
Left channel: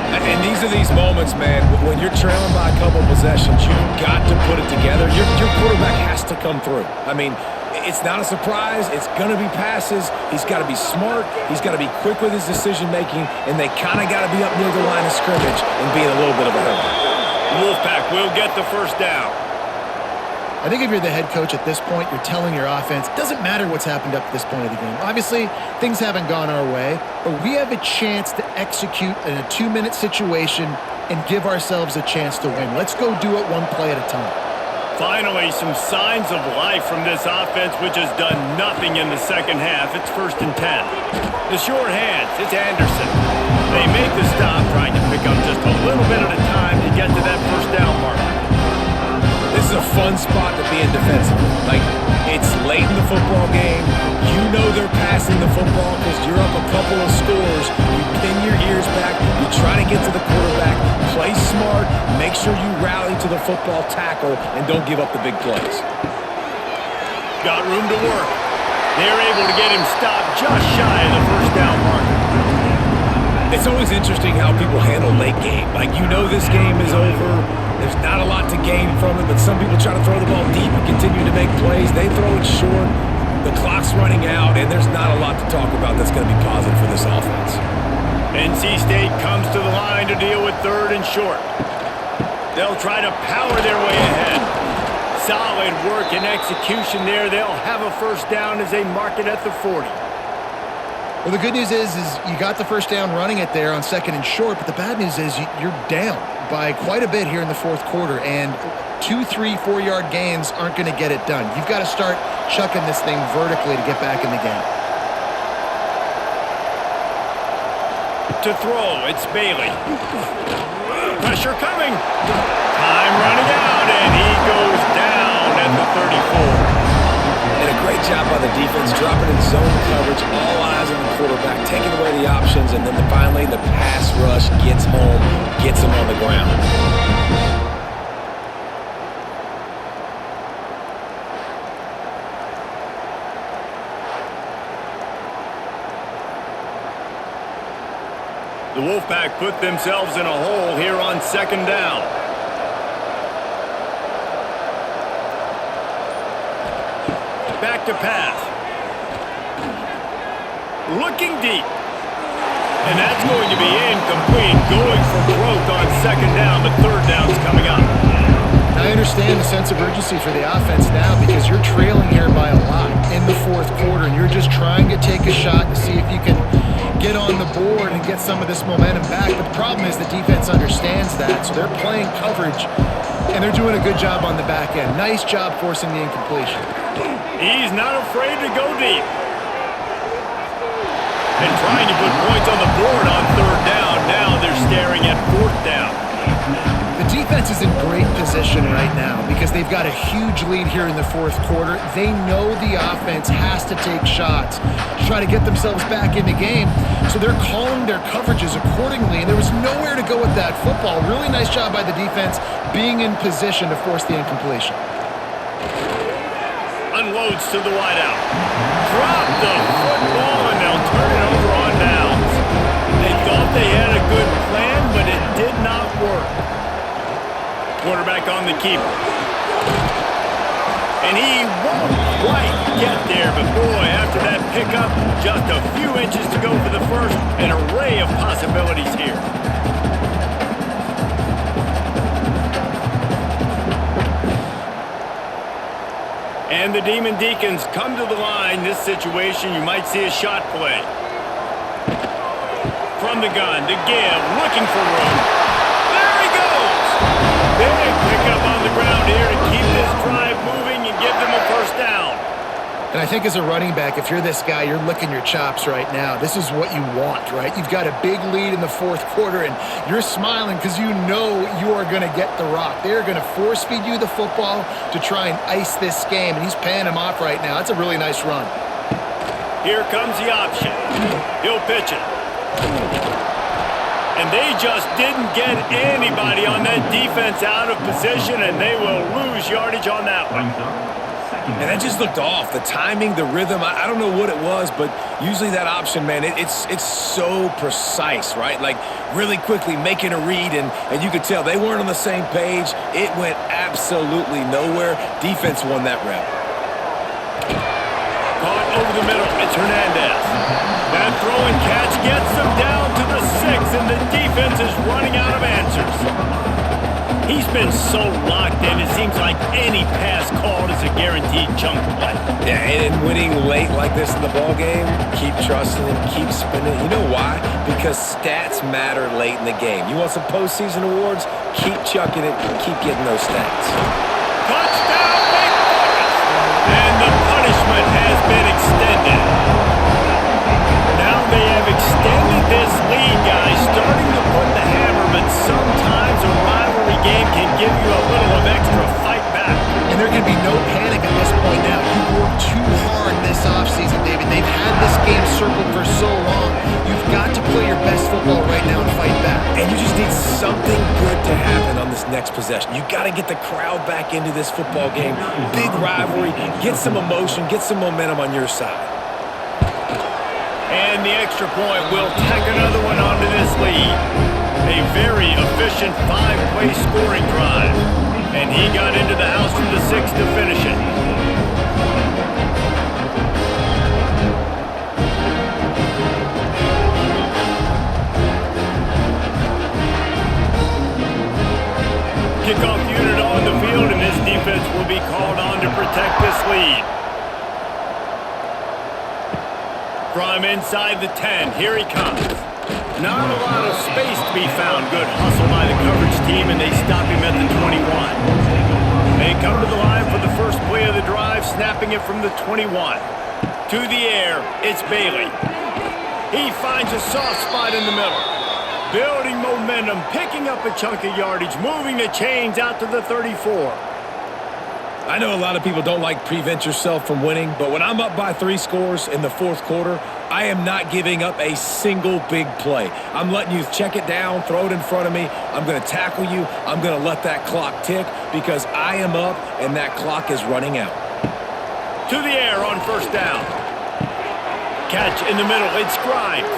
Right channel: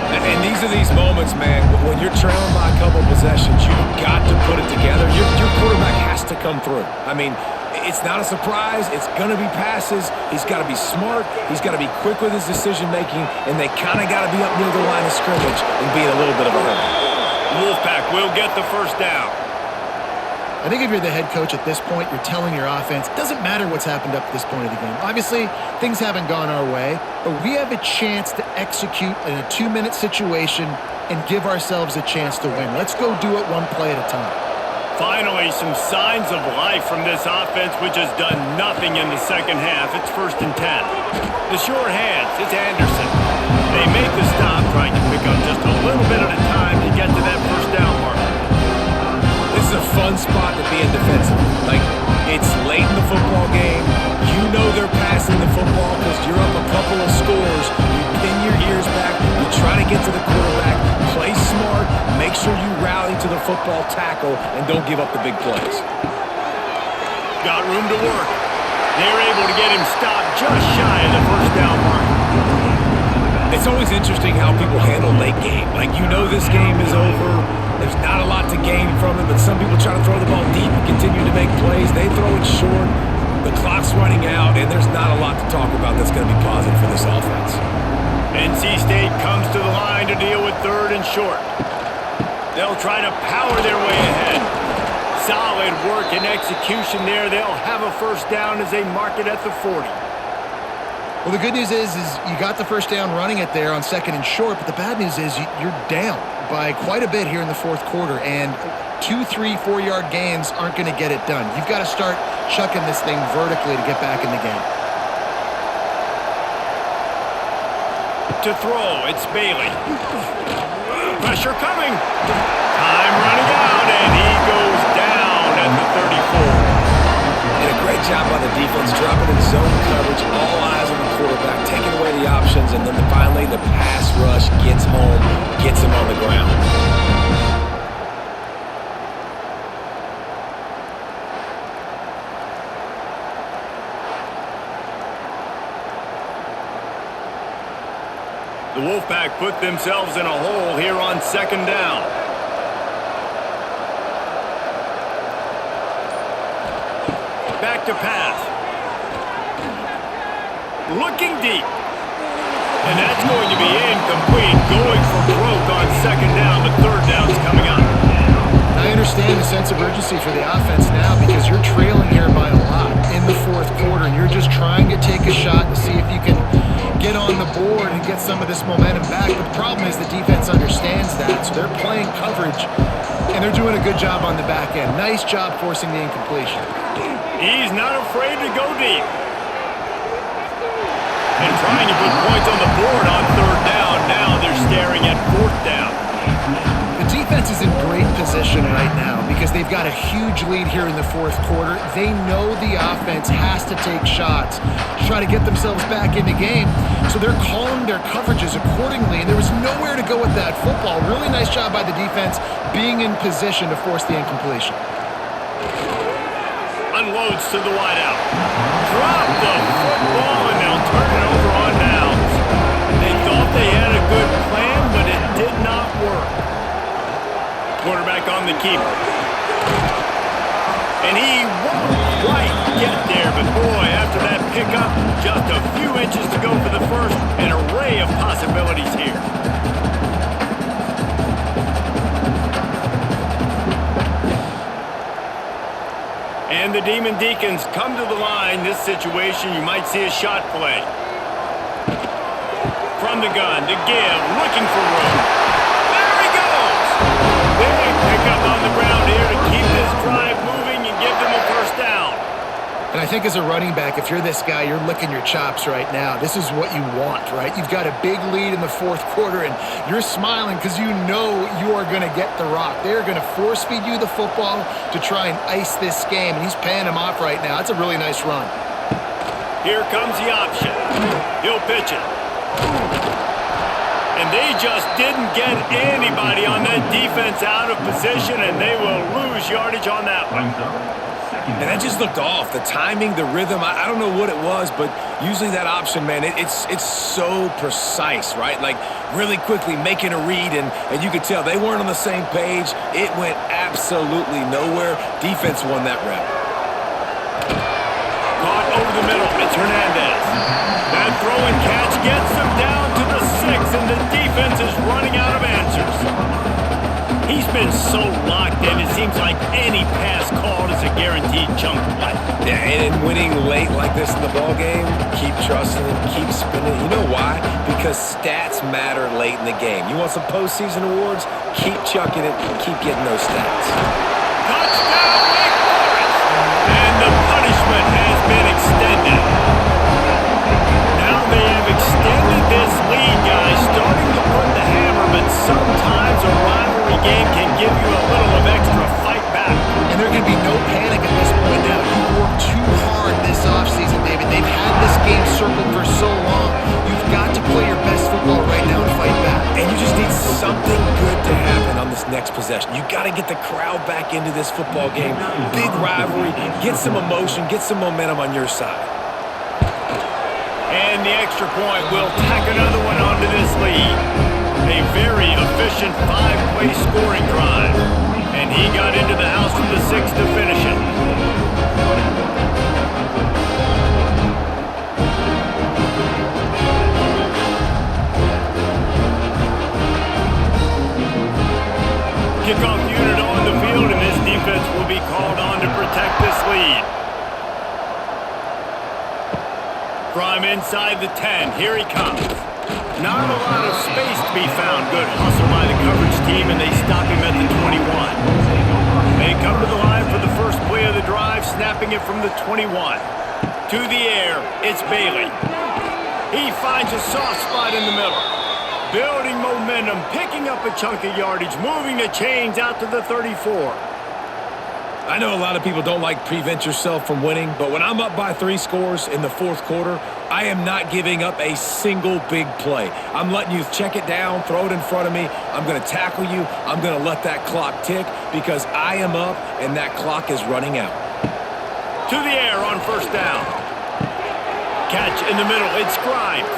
And these are these moments, man, when you're trailing by a couple possessions, you've got to put it together. Your quarterback has to come through. I mean, it's not a surprise. It's going to be passes. He's got to be smart. He's got to be quick with his decision-making, and they kind of got to be up near the line of scrimmage and be in a little bit of a hurry. Wolfpack will get the first down. I think if you're the head coach at this point, you're telling your offense, it doesn't matter what's happened up to this point of the game. Obviously, things haven't gone our way, but we have a chance to execute in a 2-minute situation and give ourselves a chance to win. Let's go do it 1 play at a time. Finally, some signs of life from this offense, which has done nothing in the second half. It's 1st and 10. The short hands, it's Anderson. They make the stop, trying to pick up just a little bit at a time to get to that first down marker. This is a fun spot to be in defensively. Like, it's late in the football game. You know they're passing the football because you're up a couple of scores. You pin your ears back. You try to get to the quarterback. Play smart. Make sure you rally to the football tackle and don't give up the big plays. Got room to work. They're able to get him stopped just shy of the first down marker. It's always interesting how people handle late game. Like, you know this game is over. There's not a lot to gain from it, but some people try to throw the ball deep and continue to make plays. They throw it short. The clock's running out, and there's not a lot to talk about that's going to be positive for this offense. NC State comes to the line to deal with 3rd and short. They'll try to power their way ahead. Solid work and execution there. They'll have a first down as they mark it at the 40. Well, the good news is you got the first down running it there on 2nd and short, but the bad news is you're down by quite a bit here in the 4th quarter, and 2, 3, 4-yard gains aren't going to get it done. You've got to start chucking this thing vertically to get back in the game. To throw, it's Bailey. Pressure coming. Time running out, and he goes down at the 34. And a great job by the defense, dropping in zone coverage, all eyes on the quarterback, taking away the options, and then finally the pass rush gets home, gets him on the ground. The Wolfpack put themselves in a hole here on 2nd down. Back to pass. Looking deep. And that's going to be incomplete. Going for broke on 2nd down, but 3rd down's coming up. I understand the sense of urgency for the offense now because you're trailing here by a lot in the 4th quarter, and you're just trying to take a shot to see if you can get on the board and get some of this momentum back. But the problem is the defense understands that, so they're playing coverage, and they're doing a good job on the back end. Nice job forcing the incompletion. He's not afraid to go deep. And trying to put points on the board on 3rd down. Now they're staring at 4th down. The defense is in great position right now because they've got a huge lead here in the 4th quarter. They know the offense has to take shots to try to get themselves back in the game, so they're calling their coverages accordingly, and there was nowhere to go with that football. Really nice job by the defense being in position to force the incompletion. Unloads to the wideout. Drop the football, and they'll turn it over on downs. They thought they had a good plan, but it did not work. Quarterback on the keeper. And he won't quite get there, but boy, after that pickup, just a few inches to go for the first. An array of possibilities here. And the Demon Deacons come to the line. This situation, you might see a shot play. From the gun, to give, looking for room. There he goes! Big pickup on the ground here to keep this drive moving and give them a first down. And I think as a running back, if you're this guy, you're licking your chops right now. This is what you want, right? You've got a big lead in the fourth quarter, and you're smiling because you know you are going to get the rock. They're going to force feed you the football to try and ice this game, and he's paying him off right now. That's a really nice run. Here comes the option. He'll pitch it. And they just didn't get anybody on that defense out of position, and they will lose yardage on that one. And that just looked off. The timing, the rhythm, I don't know what it was, but usually that option, man, it's so precise, right? Like really quickly making a read, and you could tell they weren't on the same page. It went absolutely nowhere. Defense won that rep. Caught over the middle. It's Hernandez. That throw and catch gets them down to the 6, and the defense is running out of answers. He's been so locked in, it seems like any pass called is a guaranteed chunk play. Yeah, and winning late like this in the ball game, keep trusting it, keep spinning it. You know why? Because stats matter late in the game. You want some postseason awards? Keep chucking it, keep getting those stats. Touchdown, Wake Forest! And the punishment has been extended. Now they have extended this lead, guys, starting to put the hammer, but sometimes a rivalry game can give you a little of extra fight back. And there can be no panic at this point now. You've worked too hard this offseason, David. They've had this game circled for so long. You've got to play your best football right now and fight back. And you just need something good to happen on this next possession. You got to get the crowd back into this football game. Big rivalry. Get some emotion. Get some momentum on your side. And the extra point will tack another one onto this lead. A very efficient 5-play scoring drive. And he got into the house from the 6 to finish it. Kickoff unit on the field, and this defense will be called on to protect this lead. From inside the 10, here he comes. Not a lot of space to be found. Good hustle by the coverage team, and they stop him at the 21. They come to the line for the first play of the drive, snapping it from the 21. To the air, it's Bailey. He finds a soft spot in the middle. Building momentum, picking up a chunk of yardage, moving the chains out to the 34. I know a lot of people don't like prevent yourself from winning, but when I'm up by 3 scores in the fourth quarter, I am not giving up a single big play. I'm letting you check it down, throw it in front of me. I'm going to tackle you. I'm going to let that clock tick because I am up and that clock is running out. To the air on first down. Catch in the middle. It's Grimes.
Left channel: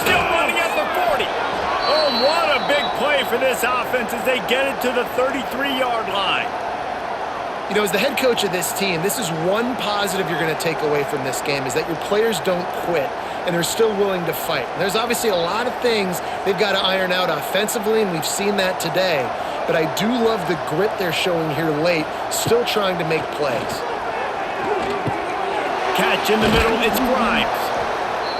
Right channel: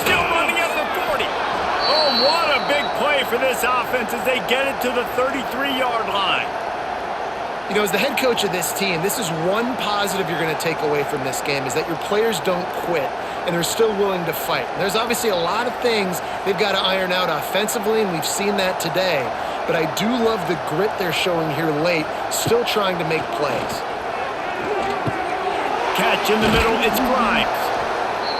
Still running at the 40. Oh, what a big play for this offense as they get it to the 33-yard line. You know, as the head coach of this team, this is one positive you're going to take away from this game is that your players don't quit and they're still willing to fight. There's obviously a lot of things they've got to iron out offensively, and we've seen that today. But I do love the grit they're showing here late, still trying to make plays. Catch in the middle, it's Grimes.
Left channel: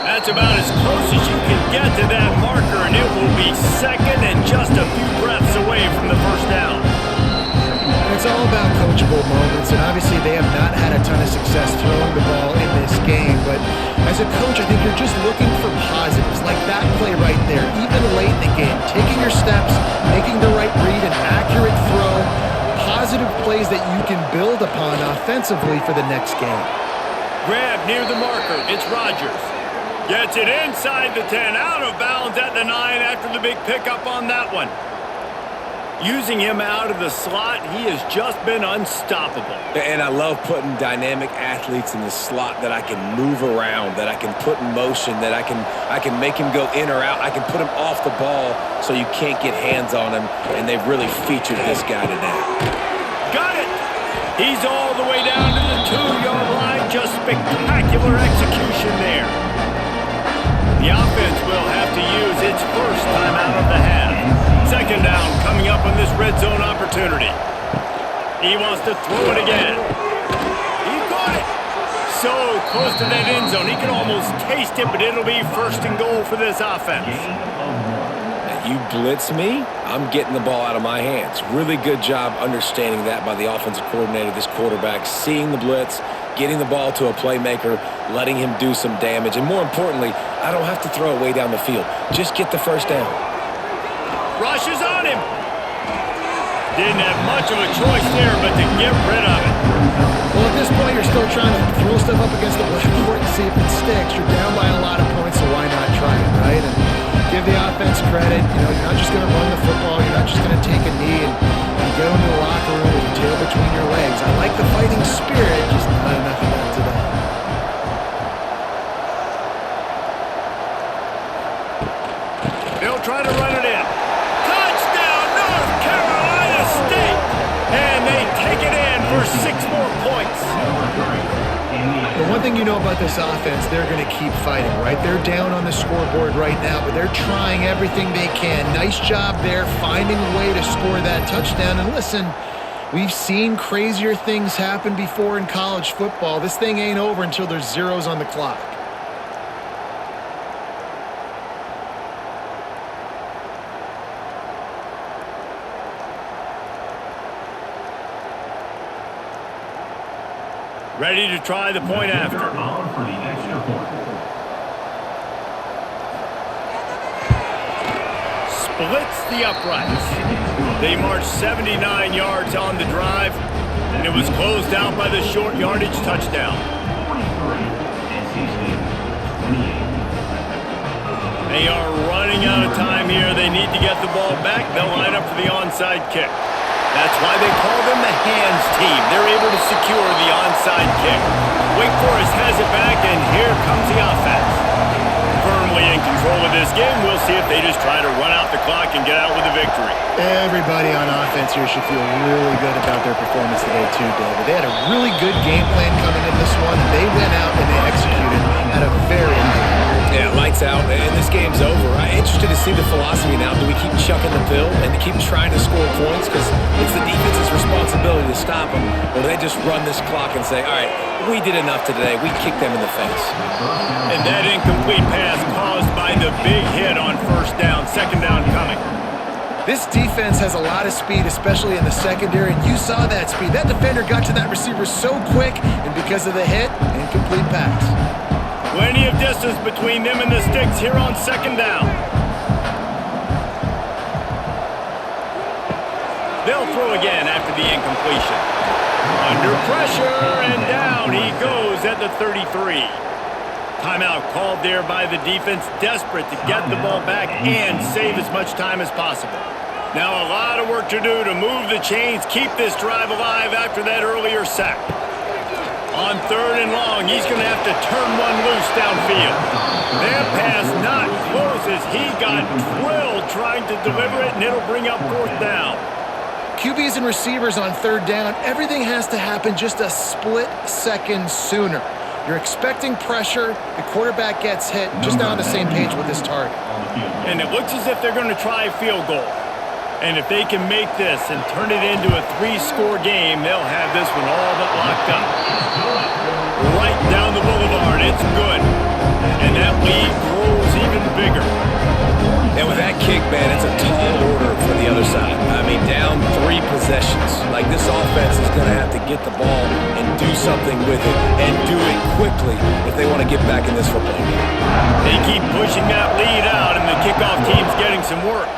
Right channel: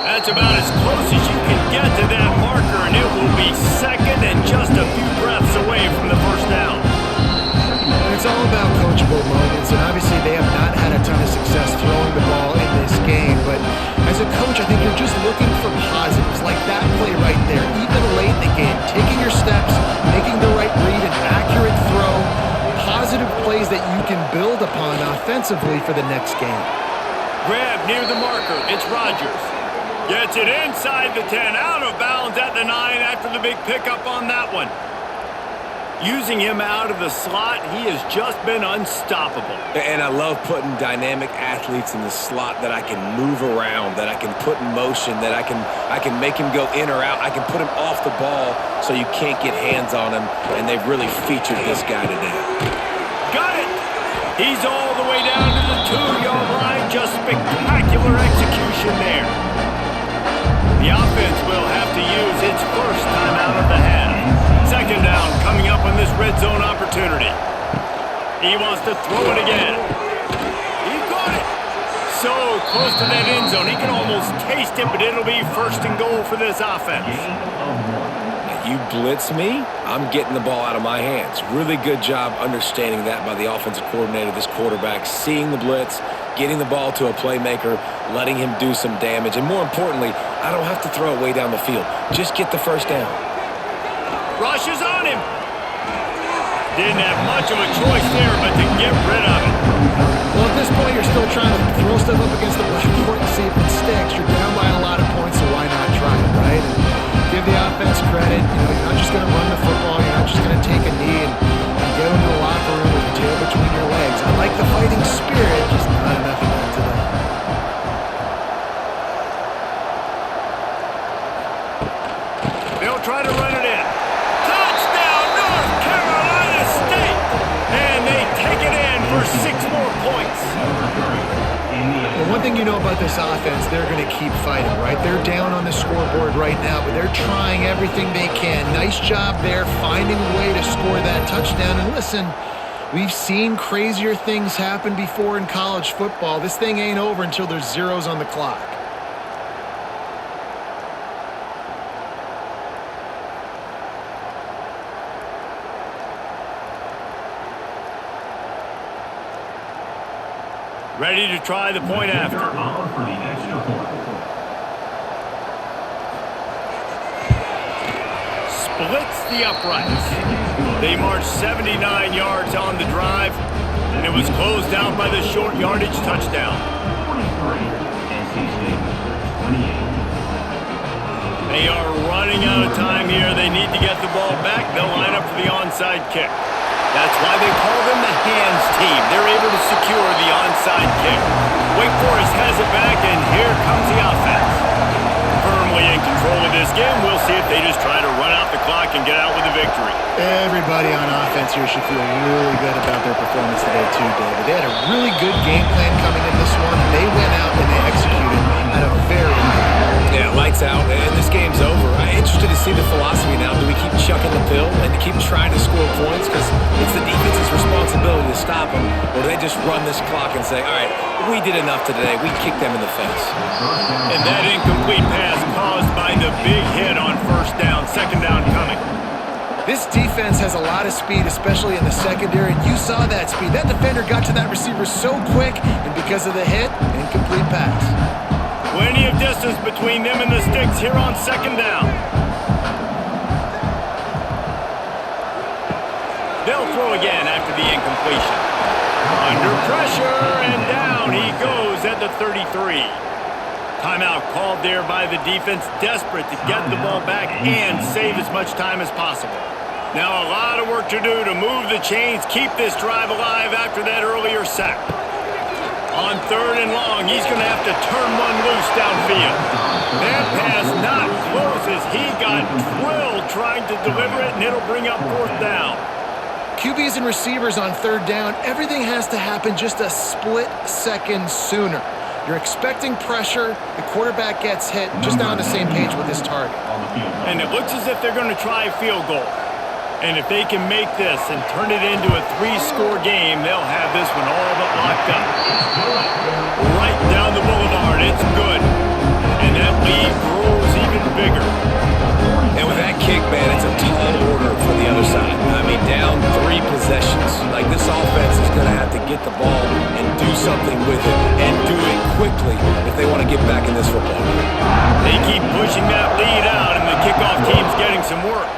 That's about as close as you can get to that marker, and it will be second and just a few breaths away from the first down. And it's all about coachable moments, and obviously they have not had a ton of success throwing the ball in this game, but as a coach, I think you're just looking for positives, like that play right there, even late in the game, taking your steps, making the right read, an accurate throw, positive plays that you can build upon offensively for the next game. Grab near the marker, it's Rodgers. Gets it inside the 10, out of bounds at the 9 after the big pickup on that one. Using him out of the slot, he has just been unstoppable. And I love putting dynamic athletes in the slot that I can move around, that I can put in motion, that I can make him go in or out. I can put him off the ball so you can't get hands on him, and they've really featured this guy today. Got it! He's all the way down to the 2-yard line. Just spectacular execution there. The offense will have to use its first timeout of the half. Second down coming up on this red zone opportunity. He wants to throw it again. He got it. So close to that end zone. He can almost taste it, but it'll be first and goal for this offense. You blitz me, I'm getting the ball out of my hands. Really good job understanding that by the offensive coordinator, this quarterback, seeing the blitz, getting the ball to a playmaker, letting him do some damage. And more importantly, I don't have to throw it way down the field. Just get the first down. Rushes on him. Didn't have much of a choice there, but to get rid of it. Well, at this point, you're still trying to throw stuff up against the blackboard and see if it sticks. You're down by a lot of points, so why not try it, right? And give the offense credit. You know, you're not just going to run the football. You're not just going to take a knee and go into the locker room with your tail between your legs. I like the fighting spirit, just not enough of that today. They'll try to run it in. Touchdown, North Carolina State! And they take it in for 6 more points. The one thing you know about this offense, they're going to keep fighting, right? They're down on the scoreboard right now, but they're trying everything they can. Nice job there, finding a way to score that touchdown. And listen, we've seen crazier things happen before in college football. This thing ain't over until there's zeros on the clock. Ready to try the point after. Splits the uprights. They marched 79 yards on the drive, and it was closed out by the short yardage touchdown. They are running out of time here. They need to get the ball back. They'll line up for the onside kick. That's why they call them the hands team. They're able to secure the onside kick. Wake Forest has it back, and here comes the offense. Firmly in control of this game. We'll see if they just try to run out the clock and get out with a victory. Everybody on offense here should feel really good about their performance today too, David. They had a really good game plan coming in this one, and they went out and they executed at a very high level. Yeah, lights out, and this game's over. I'm interested to see the philosophy now. Do we keep chucking the pill and keep trying to score points because it's the defense's responsibility to stop them, or do they just run this clock and say, all right, we did enough today. We kicked them in the face. And that incomplete pass caused by the big hit on first down. Second down coming. This defense has a lot of speed, especially in the secondary, and you saw that speed. That defender got to that receiver so quick, and because of the hit, incomplete pass. Plenty of distance between them and the sticks here on second down. They'll throw again after the incompletion. Under pressure, and down he goes at the 33. Timeout called there by the defense, desperate to get the ball back and save as much time as possible. Now a lot of work to do to move the chains, keep this drive alive after that earlier sack. On third and long, he's going to have to turn one loose downfield. That pass not close as he got drilled trying to deliver it, and it'll bring up fourth down. QBs and receivers on third down, everything has to happen just a split second sooner. You're expecting pressure, the quarterback gets hit, just not on the same page with his target. And it looks as if they're going to try a field goal. And if they can make this and turn it into a 3-score game, they'll have this one all but locked up. Right down the boulevard, it's good. And that lead grows even bigger. And with that kick, man, it's a tall order for the other side. I mean, down 3 possessions. Like, this offense is going to have to get the ball and do something with it, and do it quickly if they want to get back in this football game. They keep pushing that lead out, and the kickoff team's getting some work.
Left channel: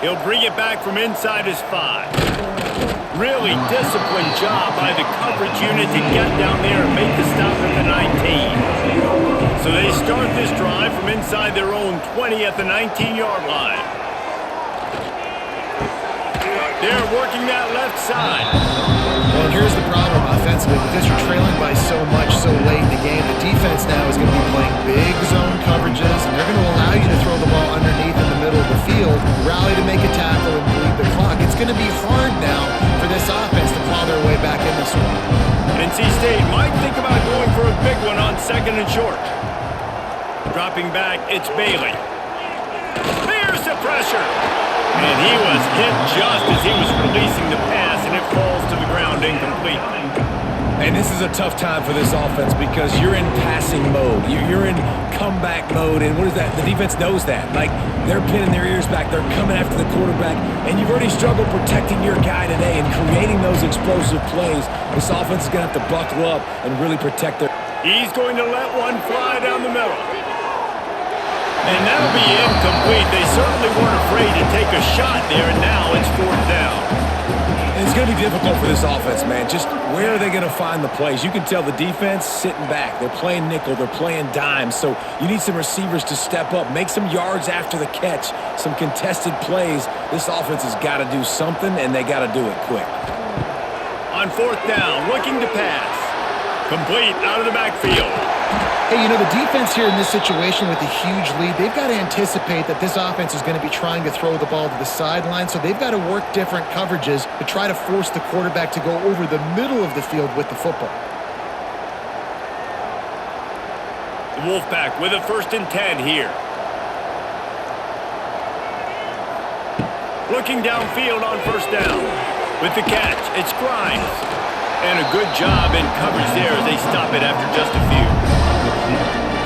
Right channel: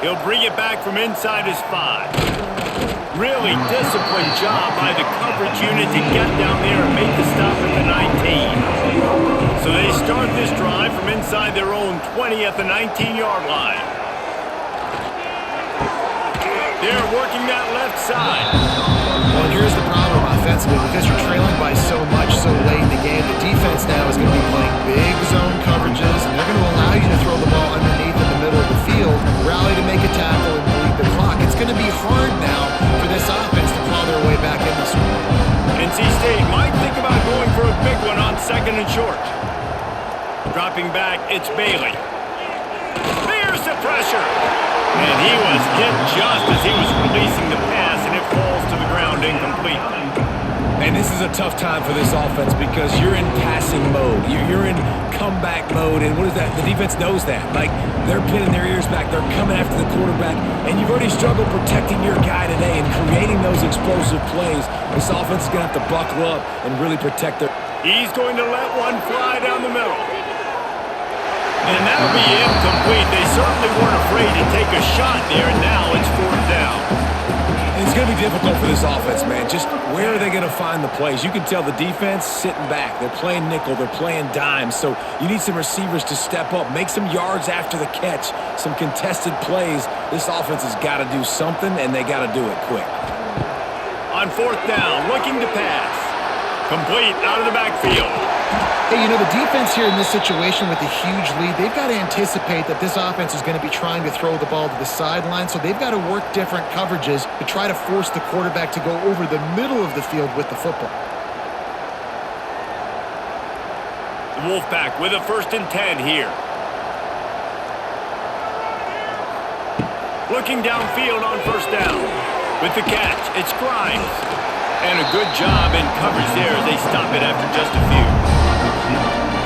He'll bring it back from inside his 5. Really disciplined job by the coverage unit to get down there and make the stop at the 19. So they start this drive from inside their own 20 at the 19-yard line. They're working that left side. Well, and here's the problem offensively. Because you're trailing by so much so late in the game, the defense now is going to be playing big zone coverages, and they're going to allow you to throw the ball underneath in the middle of the field, rally to make a tackle, and bleed the clock. It's going to be hard now for this offense to claw their way back in this one. NC State might think about going for a big one on 2nd and short. Dropping back, it's Bailey. There's the pressure. And he was hit just as he was releasing the pass, and it falls to the ground incomplete. And this is a tough time for this offense because you're in passing mode. You're in comeback mode, and what is that? The defense knows that. Like, they're pinning their ears back. They're coming after the quarterback, and you've already struggled protecting your guy today and creating those explosive plays. This offense is going to have to buckle up and really protect their... He's going to let one fly down the middle. And that'll be incomplete. They certainly weren't afraid to take a shot there, and now it's 4th down. And it's going to be difficult for this offense, man. Just where are they going to find the plays? You can tell the defense sitting back. They're playing nickel. They're playing dime. So you need some receivers to step up, make some yards after the catch, some contested plays. This offense has got to do something, and they got to do it quick. On 4th down, looking to pass. Complete out of the backfield. Hey, you know, the defense here in this situation with a huge lead, they've got to anticipate that this offense is going to be trying to throw the ball to the sideline, so they've got to work different coverages to try to force the quarterback to go over the middle of the field with the football. The Wolfpack with a 1st and 10 here. Looking downfield on 1st down. With the catch, it's Grimes. And a good job in coverage there as they stop it after just a few.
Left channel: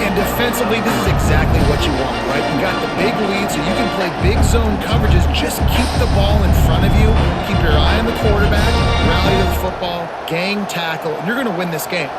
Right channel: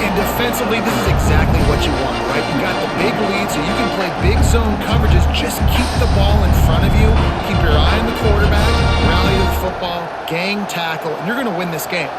And defensively, this is exactly what you want, right? You've got the big lead, so you can play big zone coverages. Just keep the ball in front of you. Keep your eye on the quarterback, rally to the football, gang tackle, and you're going to win this game.